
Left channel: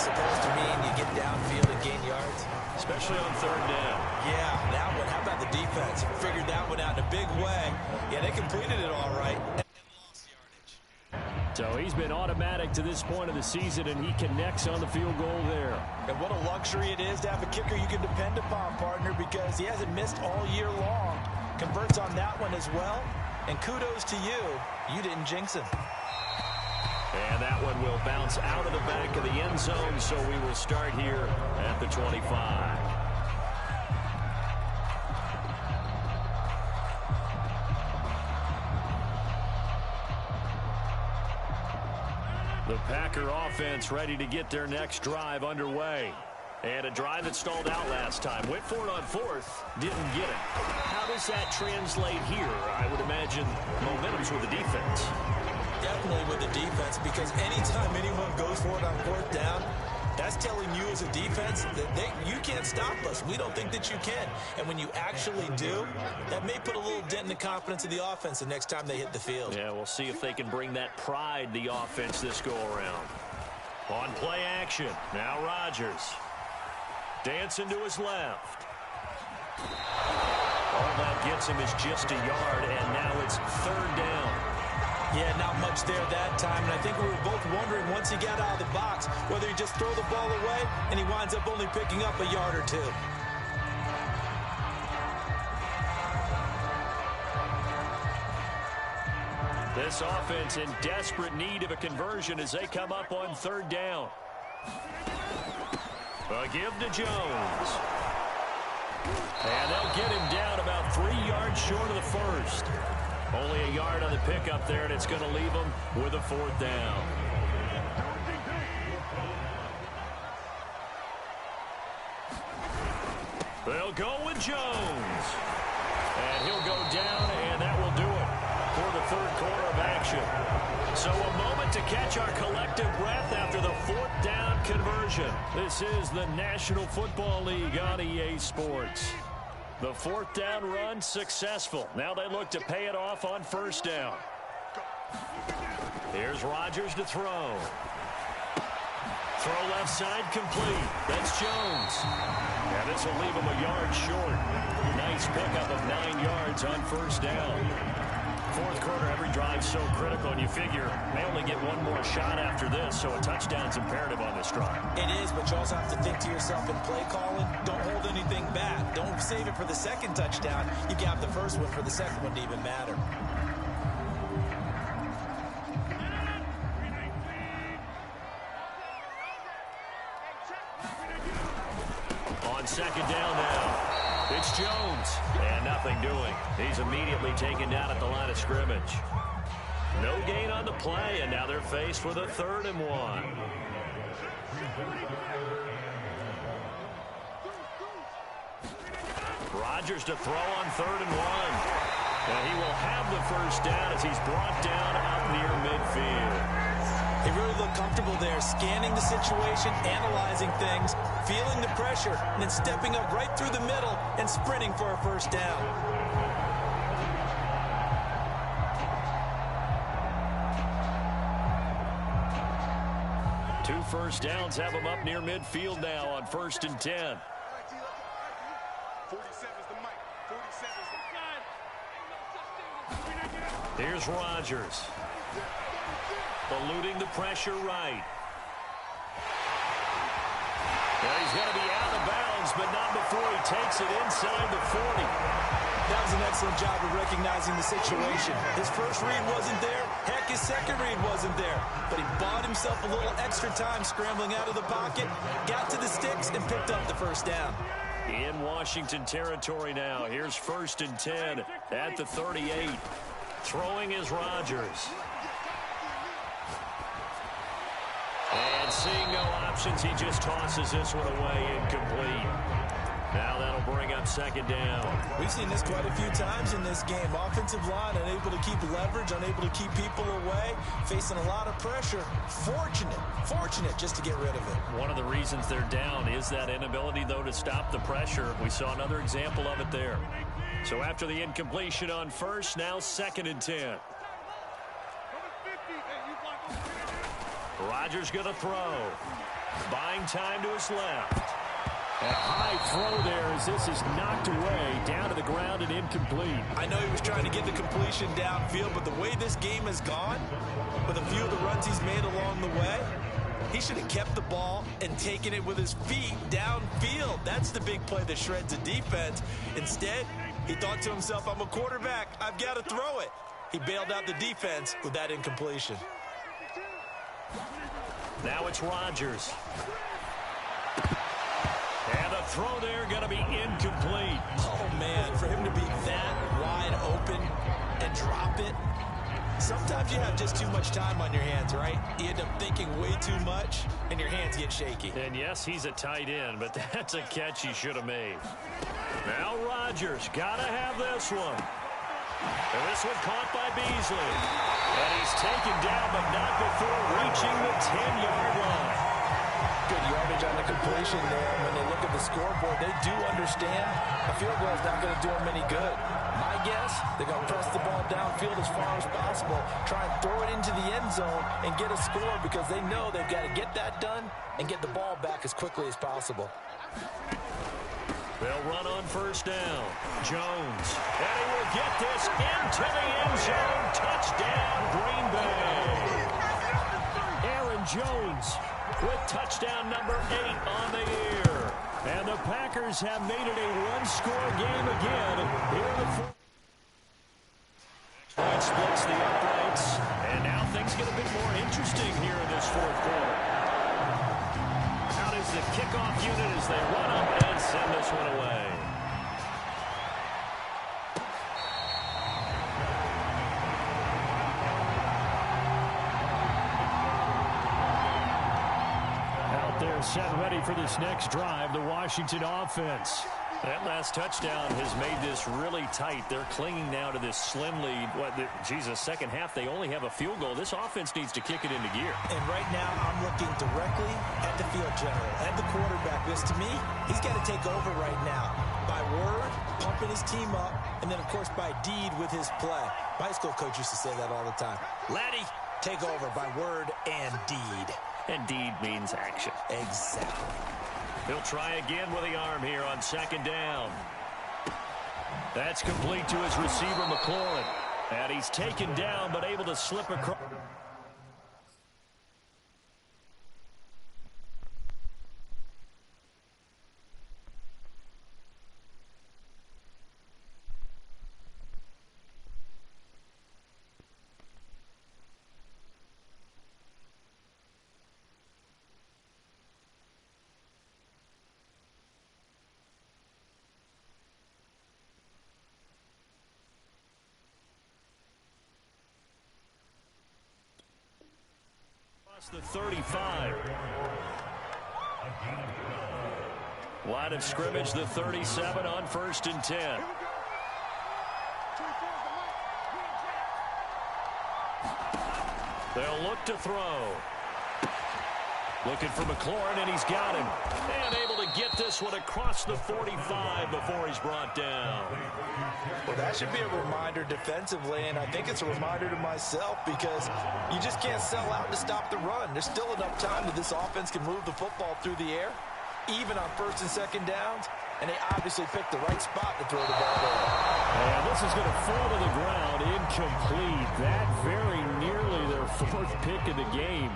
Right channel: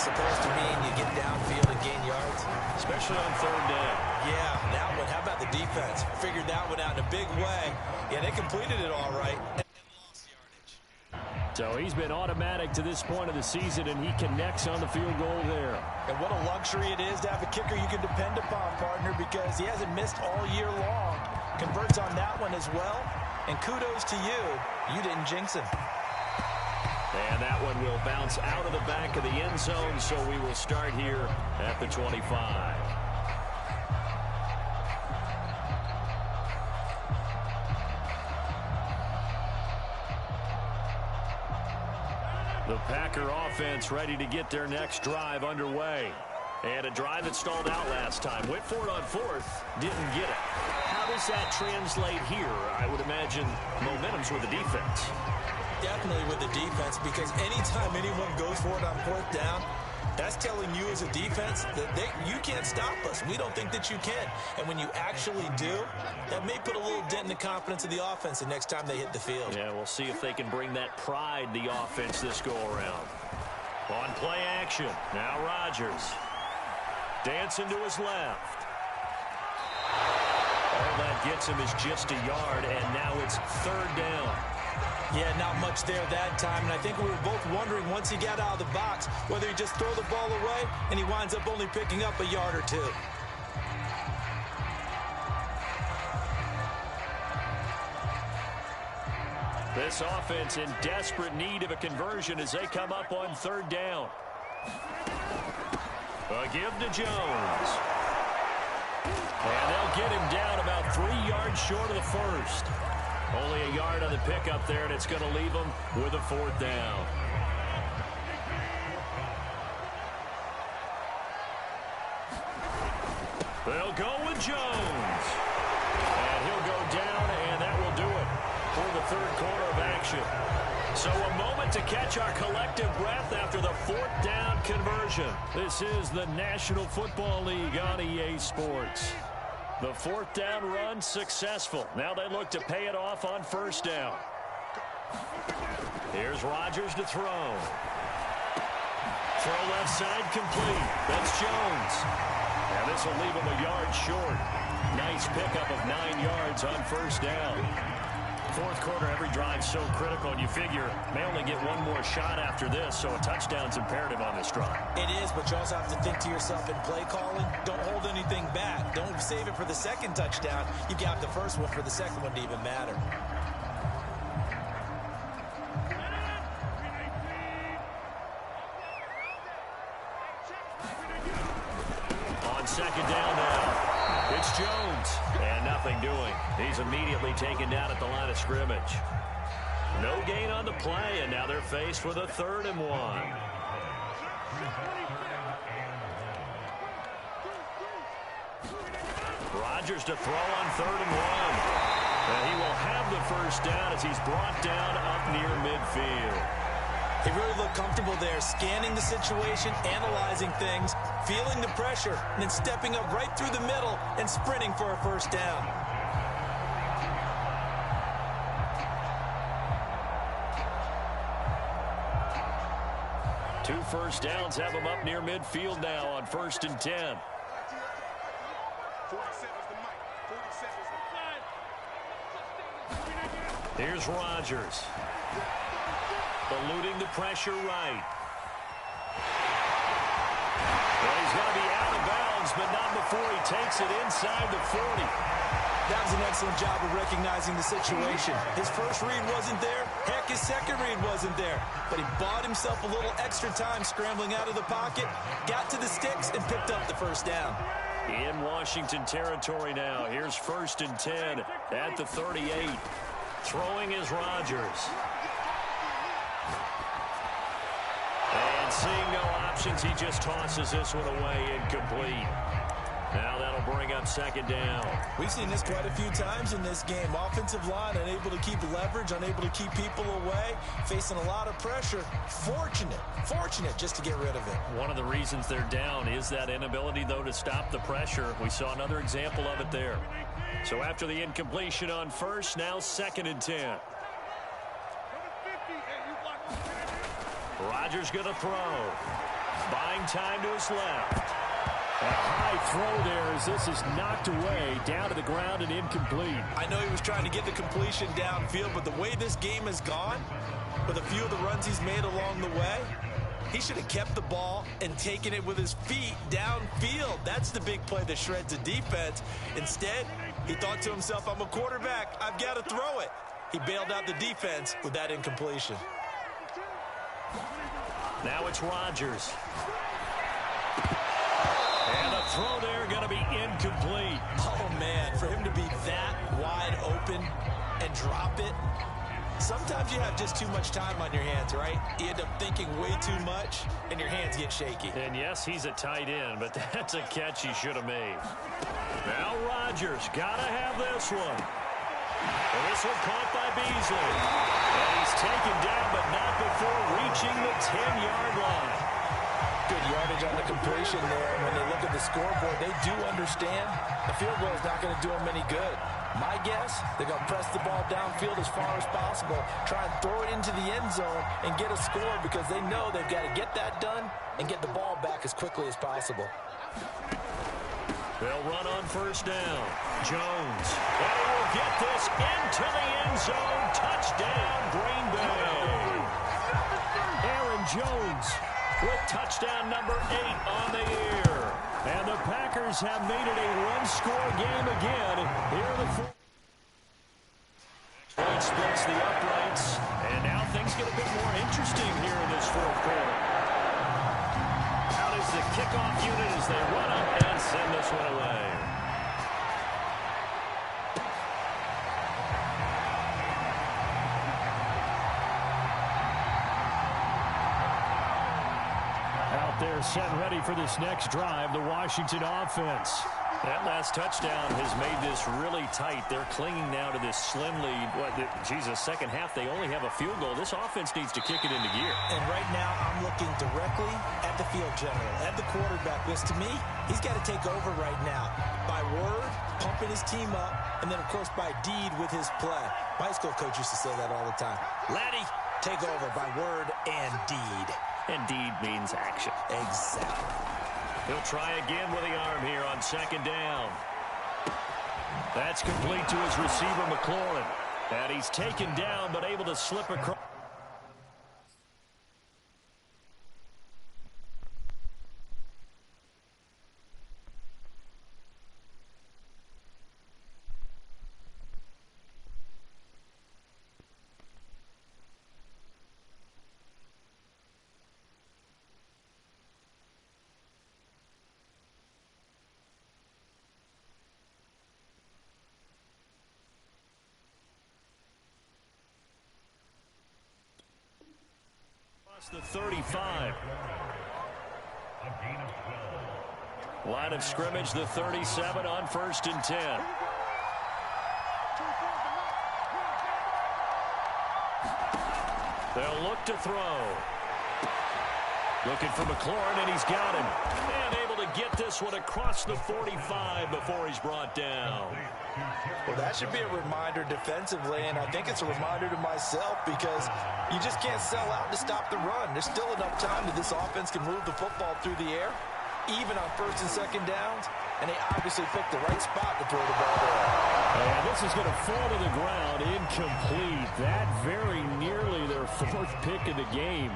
supposed to mean you get downfield and gain yards? Especially on 3rd down. Yeah, that one. How about the defense? Figured that one out in a big way. Yeah, they completed it all right. So he's been automatic to this point of the season, and he connects on the field goal there. And what a luxury it is to have a kicker you can depend upon, partner, because he hasn't missed all year long. Converts on that one as well. And kudos to you. You didn't jinx him. And that one will bounce out of the back of the end zone, so we will start here at the 25. The Packer offense ready to get their next drive underway. And a drive that stalled out last time. Went for it on 4th. Didn't get it. How does that translate here? I would imagine momentum's with the defense. Definitely with the defense, because anytime anyone goes for it on 4th down, that's telling you as a defense that you can't stop us. We don't think that you can. And when you actually do, that may put a little dent in the confidence of the offense the next time they hit the field. Yeah, we'll see if they can bring that pride, the offense, this go-around. On play action, now Rodgers. Dancing to his left. All that gets him is just a yard, and now it's 3rd down. Yeah, not much there that time, and I think we were both wondering once he got out of the box whether he'd just throw the ball away, and he winds up only picking up a yard or 2. This offense in desperate need of a conversion as they come up on 3rd down. A give to Jones. And they'll get him down about 3 yards short of the 1st. Only a yard on the pickup there, and it's going to leave them with a 4th down. They'll go with Jones. And he'll go down, and that will do it for the 3rd quarter of action. So a moment to catch our collective breath after the 4th down conversion. This is the National Football League on EA Sports. The 4th down run successful. Now they look to pay it off on 1st down. Here's Rodgers to throw. Throw left side complete. That's Jones. Now this will leave him a yard short. Nice pickup of 9 yards on 1st down. 4th quarter, every drive's so critical, and you figure may only get one more shot after this, so a touchdown's imperative on this drive. It is, but you also have to think to yourself in play calling, don't hold anything back. Don't save it for the 2nd touchdown. You got the 1st one for the 2nd one to even matter. On 2nd down now. It's Jones, and nothing doing. He's immediately taken down at the line of scrimmage. No gain on the play, and now they're faced with a 3rd and 1. Rodgers to throw on 3rd and 1. And he will have the 1st down as he's brought down up near midfield. He really looked comfortable there, scanning the situation, analyzing things, feeling the pressure, and then stepping up right through the middle and sprinting for a 1st down. first downs have them up near midfield now on 1st and 10. 47's the mic. 47's the flag. Here's Rodgers. Eluding the pressure right. And he's going to be out of bounds, but not before he takes it inside the 40. That was an excellent job of recognizing the situation. His first read wasn't there. Heck, his second read wasn't there. But he bought himself a little extra time scrambling out of the pocket, got to the sticks, and picked up the first down. In Washington territory now. Here's 1st and 10 at the 38. Throwing is Rodgers. And seeing no options, he just tosses this one away incomplete. Now that'll bring up 2nd down. We've seen this quite a few times in this game. Offensive line unable to keep leverage, unable to keep people away, facing a lot of pressure. Fortunate just to get rid of it. One of the reasons they're down is that inability, though, to stop the pressure. We saw another example of it there. So after the incompletion on 1st, now 2nd and 10. Rodgers going to throw. Buying time to his left. A high throw there as this is knocked away, down to the ground and incomplete. I know he was trying to get the completion downfield, but the way this game has gone, with a few of the runs he's made along the way, he should have kept the ball and taken it with his feet downfield. That's the big play that shreds a defense. Instead, he thought to himself, I'm a quarterback, I've got to throw it. He bailed out the defense with that incompletion. Now it's Rodgers. And the throw there going to be incomplete. Oh, man, for him to be that wide open and drop it. Sometimes you have just too much time on your hands, right? You end up thinking way too much, and your hands get shaky. And yes, he's a tight end, but that's a catch he should have made. Now Rodgers got to have this one. And this one caught by Beasley. And he's taken down, but not before reaching the 10-yard line. Good yardage on the completion there. When they look at the scoreboard, they do understand a field goal is not going to do them any good. My guess, they're going to press the ball downfield as far as possible, try and throw it into the end zone and get a score because they know they've got to get that done and get the ball back as quickly as possible. They'll run on 1st down. Jones. And he will get this into the end zone. Touchdown, Green Bay. Aaron Jones with touchdown number 8 on the year. And the Packers have made it a one-score game again. Here are the 4. Point splits the uprights. And now things get a bit more interesting here in this 4th quarter. Out is the kickoff unit as they run up and send this one away. Out there set ready for this next drive, the Washington offense. That last touchdown has made this really tight. They're clinging now to this slim lead. Second half, they only have a field goal. This offense needs to kick it into gear. And right now, I'm looking directly at the field general, at the quarterback. Because to me, he's got to take over right now. By word, pumping his team up, and then, of course, by deed with his play. My school coach used to say that all the time. Laddie, take over by word and deed. And deed means action. Exactly. He'll try again with the arm here on 2nd down. That's complete to his receiver, McLaurin. And he's taken down, but able to slip across. The 35. Line of scrimmage, the 37 on 1st and 10. They'll look to throw. Looking for McLaurin, and he's got him. And able to get this one across the 45 before he's brought down. The Well, that should be a reminder defensively, and I think it's a reminder to myself because you just can't sell out to stop the run. There's still enough time that this offense can move the football through the air, even on first and second downs, and they obviously picked the right spot to throw the ball there. And this is going to fall to the ground, incomplete. That very nearly their fourth pick of the game.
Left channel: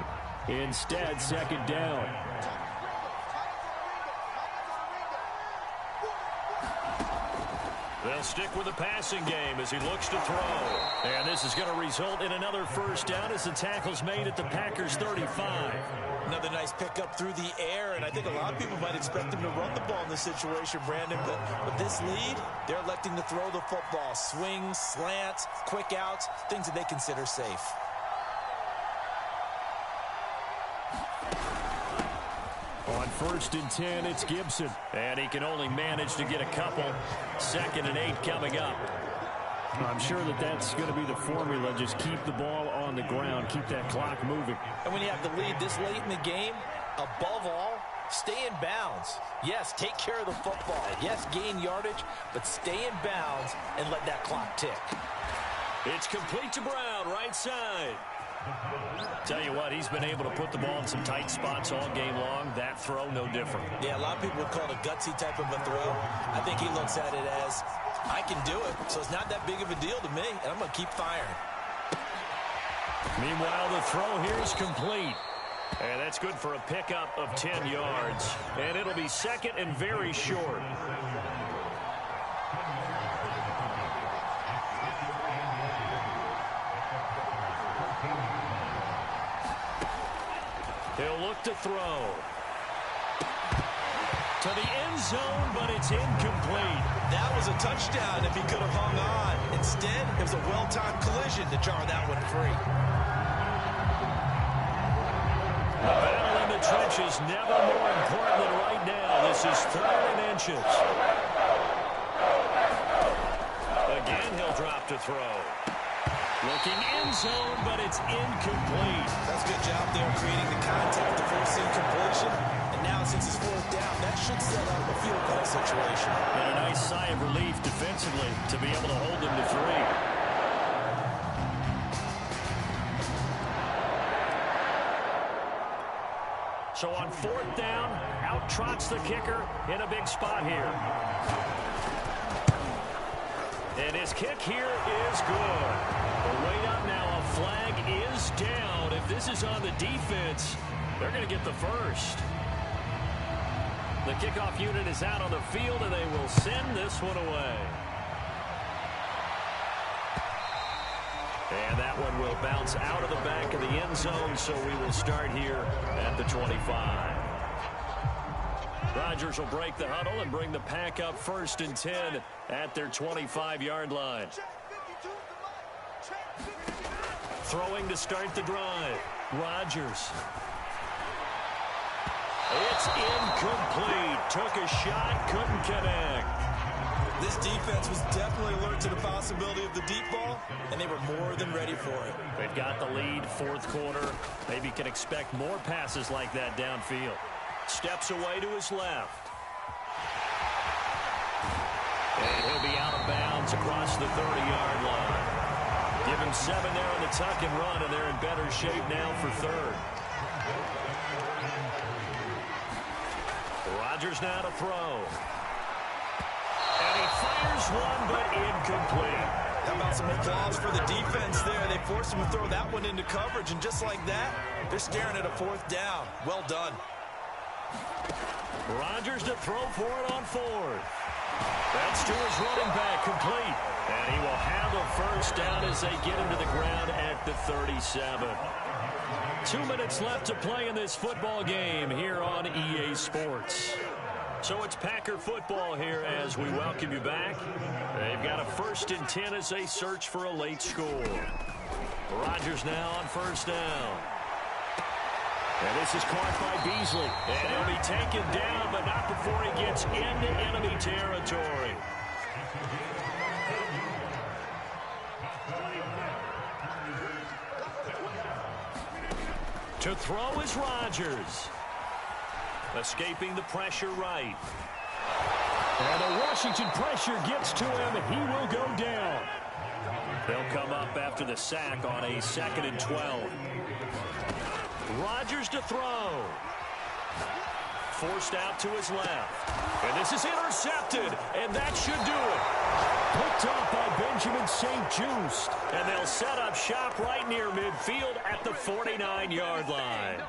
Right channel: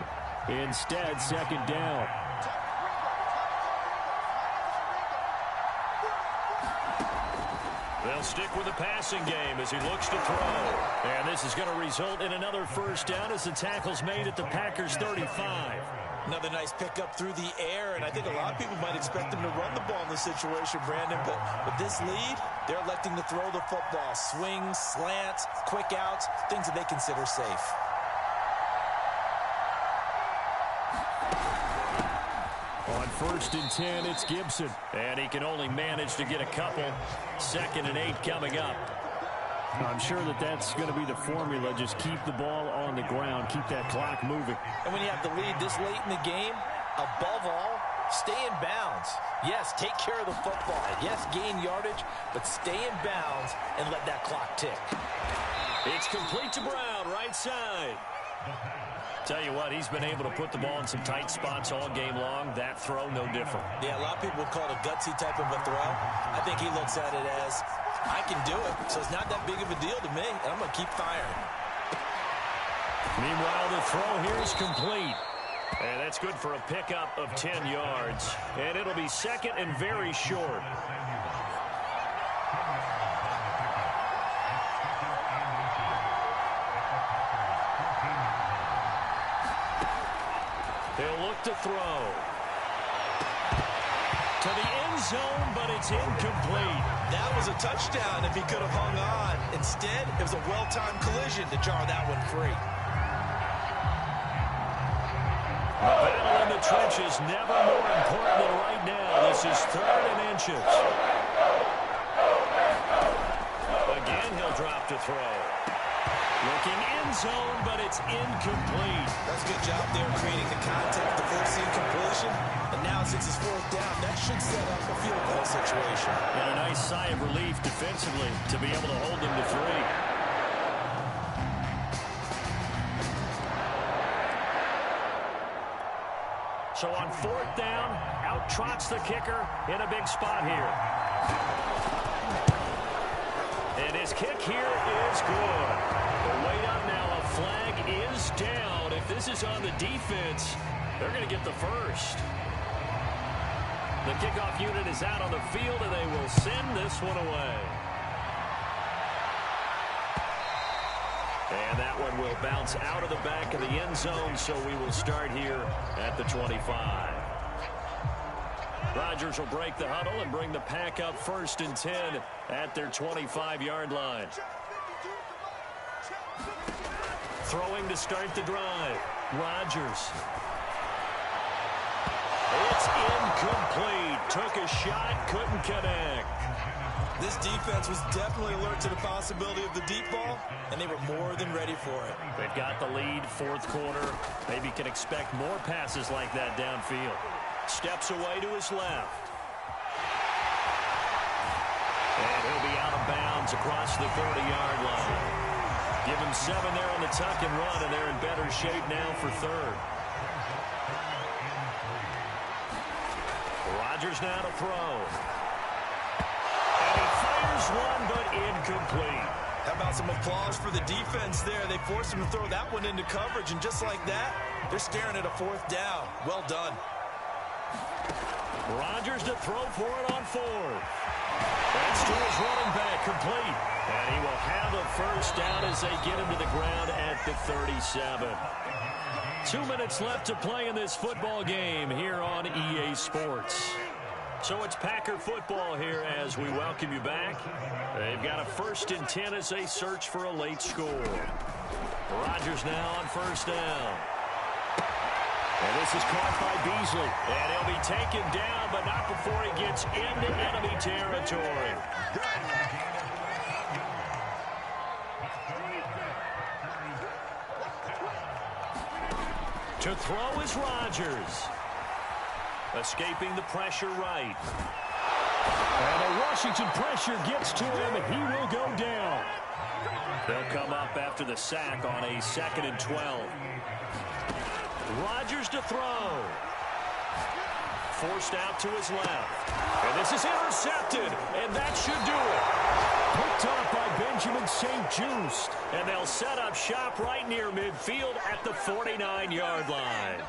Instead, second down. They'll stick with the passing game as he looks to throw. And this is going to result in another first down as the tackle's made at the Packers' 35. Another nice pickup through the air, and I think a lot of people might expect them to run the ball in this situation, Brandon, but with this lead, they're electing to throw the football. Swings, slants, quick outs, things that they consider safe. On first and 10, it's Gibson. And he can only manage to get a couple. 2nd and 8 coming up. I'm sure that that's going to be the formula. Just keep the ball on the ground. Keep that clock moving. And when you have the lead this late in the game, above all, stay in bounds. Yes, take care of the football. Yes, gain yardage, but stay in bounds and let that clock tick. It's complete to Brown, right side. Tell you what, he's been able to put the ball in some tight spots all game long. That throw, no different. Yeah, a lot of people would call it a gutsy type of a throw. I think he looks at it as, I can do it, so it's not that big of a deal to me, and I'm going to keep firing. Meanwhile, the throw here is complete. And that's good for a pickup of 10 yards. And it'll be 2nd and very short. He'll look to throw. To the end zone, but it's incomplete. That was a touchdown if he could have hung on. Instead, it was a well-timed collision to jar that one free. The battle in the trenches never more important than right now. This is 3rd and inches. Again, he'll drop to throw. Looking end zone, but it's incomplete. That's a good job there creating the contact, the forcing completion. And now since it's 4th down, that should set up a field goal situation. And a nice sigh of relief defensively to be able to hold them to 3. So on 4th down, out trots the kicker in a big spot here. And his kick here is good. But wait up now, a flag is down. If this is on the defense, they're going to get the first. The kickoff unit is out on the field, and they will send this one away. And that one will bounce out of the back of the end zone, so we will start here at the 25. Rodgers will break the huddle and bring the pack up 1st and 10 at their 25-yard line. Throwing to start the drive. Rodgers. It's incomplete. Took a shot, couldn't connect. This defense was definitely alert to the possibility of the deep ball, and they were more than ready for it. They've got the lead, 4th quarter. Maybe can expect more passes like that downfield. Steps away to his left. And he'll be out of bounds across the 30-yard line. Give him 7 there on the tuck and run, and they're in better shape now for 3rd. Rodgers now to throw. And he fires one, but incomplete. How about some applause for the defense there? They forced him to throw that one into coverage, and just like that, they're staring at a 4th down. Well done. Rodgers to throw for it on 4th. That's to his running back, complete. And he will have a first down as they get him to the ground at the 37. 2 minutes left to play in this football game here on EA Sports. So it's Packer football here as we welcome you back. They've got a 1st and 10 as they search for a late score. Rodgers now on 1st down. And this is caught by Beasley. And he'll be taken down, but not before he gets into enemy territory. To throw is Rodgers. Escaping the pressure right. And the Washington pressure gets to him, and he will go down. They'll come up after the sack on a 2nd and 12. Rodgers to throw. Forced out to his left. And this is intercepted, and that should do it. Picked off by Benjamin St-Juste. And they'll set up shop right near midfield at the 49-yard line.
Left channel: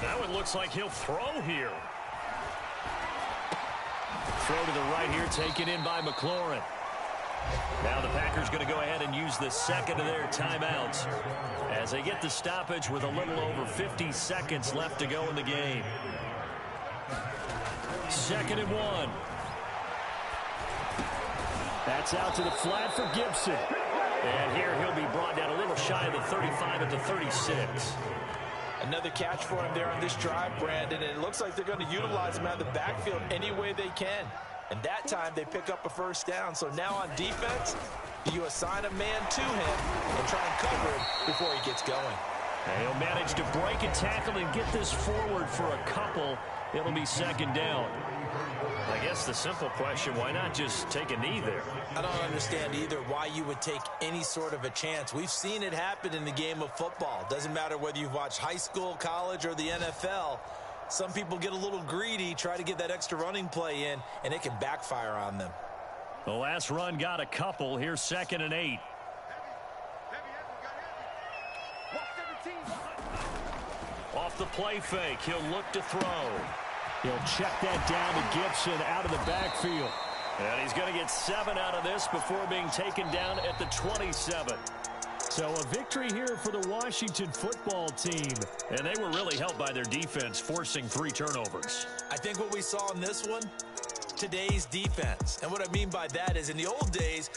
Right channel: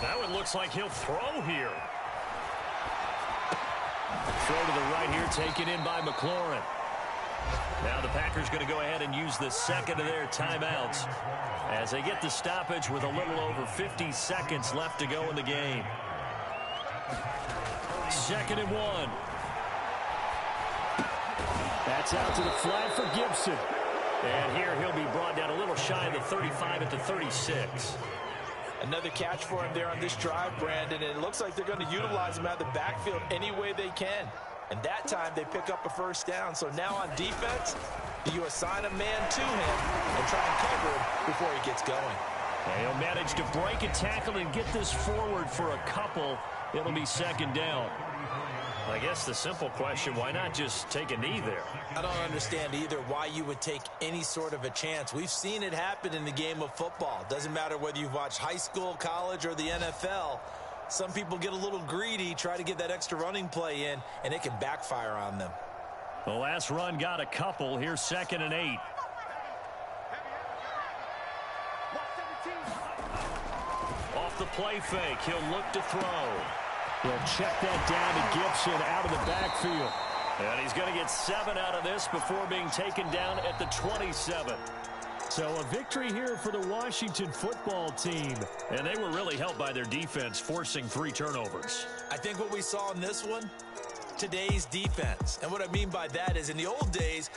Now it looks like he'll throw here. Throw to the right here, taken in by McLaurin. Now the Packers going to go ahead and use the second of their timeouts as they get the stoppage with a little over 50 seconds left to go in the game. 2nd and 1. That's out to the flat for Gibson. And here he'll be brought down a little shy of the 35 at the 36. Another catch for him there on this drive, Brandon, and it looks like they're going to utilize him out of the backfield any way they can. And that time they pick up a first down. So now on defense, do you assign a man to him and try and cover him before he gets going? And he'll manage to break a tackle and get this forward for a couple. It'll be 2nd down. I guess the simple question, why not just take a knee there? I don't understand either why you would take any sort of a chance. We've seen it happen in the game of football. Doesn't matter whether you've watched high school, college, or the NFL. Some people get a little greedy, try to get that extra running play in, and it can backfire on them. The last run got a couple. Here's 2nd and 8. Off the play fake, he'll look to throw. He'll check that down to Gibson out of the backfield. And he's going to get 7 out of this before being taken down at the 27. So a victory here for the Washington football team. And they were really helped by their defense, forcing 3 turnovers. I think what we saw in this one, today's defense. And what I mean by that is in the old days,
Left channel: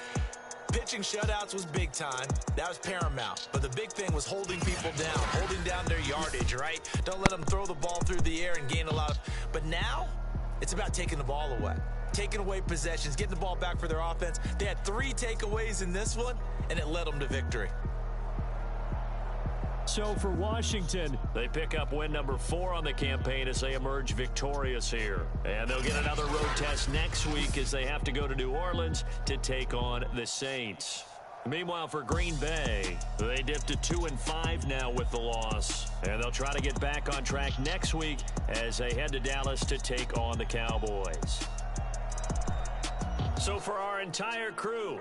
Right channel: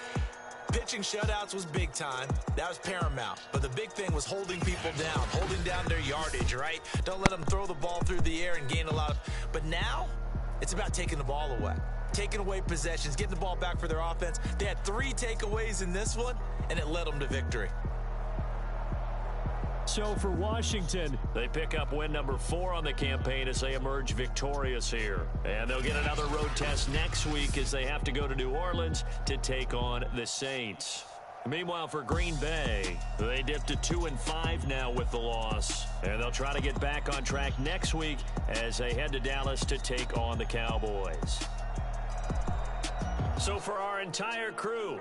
pitching shutouts was big time. That was paramount. But the big thing was holding people down, holding down their yardage, right? Don't let them throw the ball through the air and gain a lot of... But now, it's about taking the ball away. Taking away possessions, getting the ball back for their offense. They had 3 takeaways in this one, and it led them to victory. So for Washington, they pick up win number 4 on the campaign as they emerge victorious here. And they'll get another road test next week as they have to go to New Orleans to take on the Saints. Meanwhile, for Green Bay, they dipped to 2-5 now with the loss. And they'll try to get back on track next week as they head to Dallas to take on the Cowboys. So for our entire crew,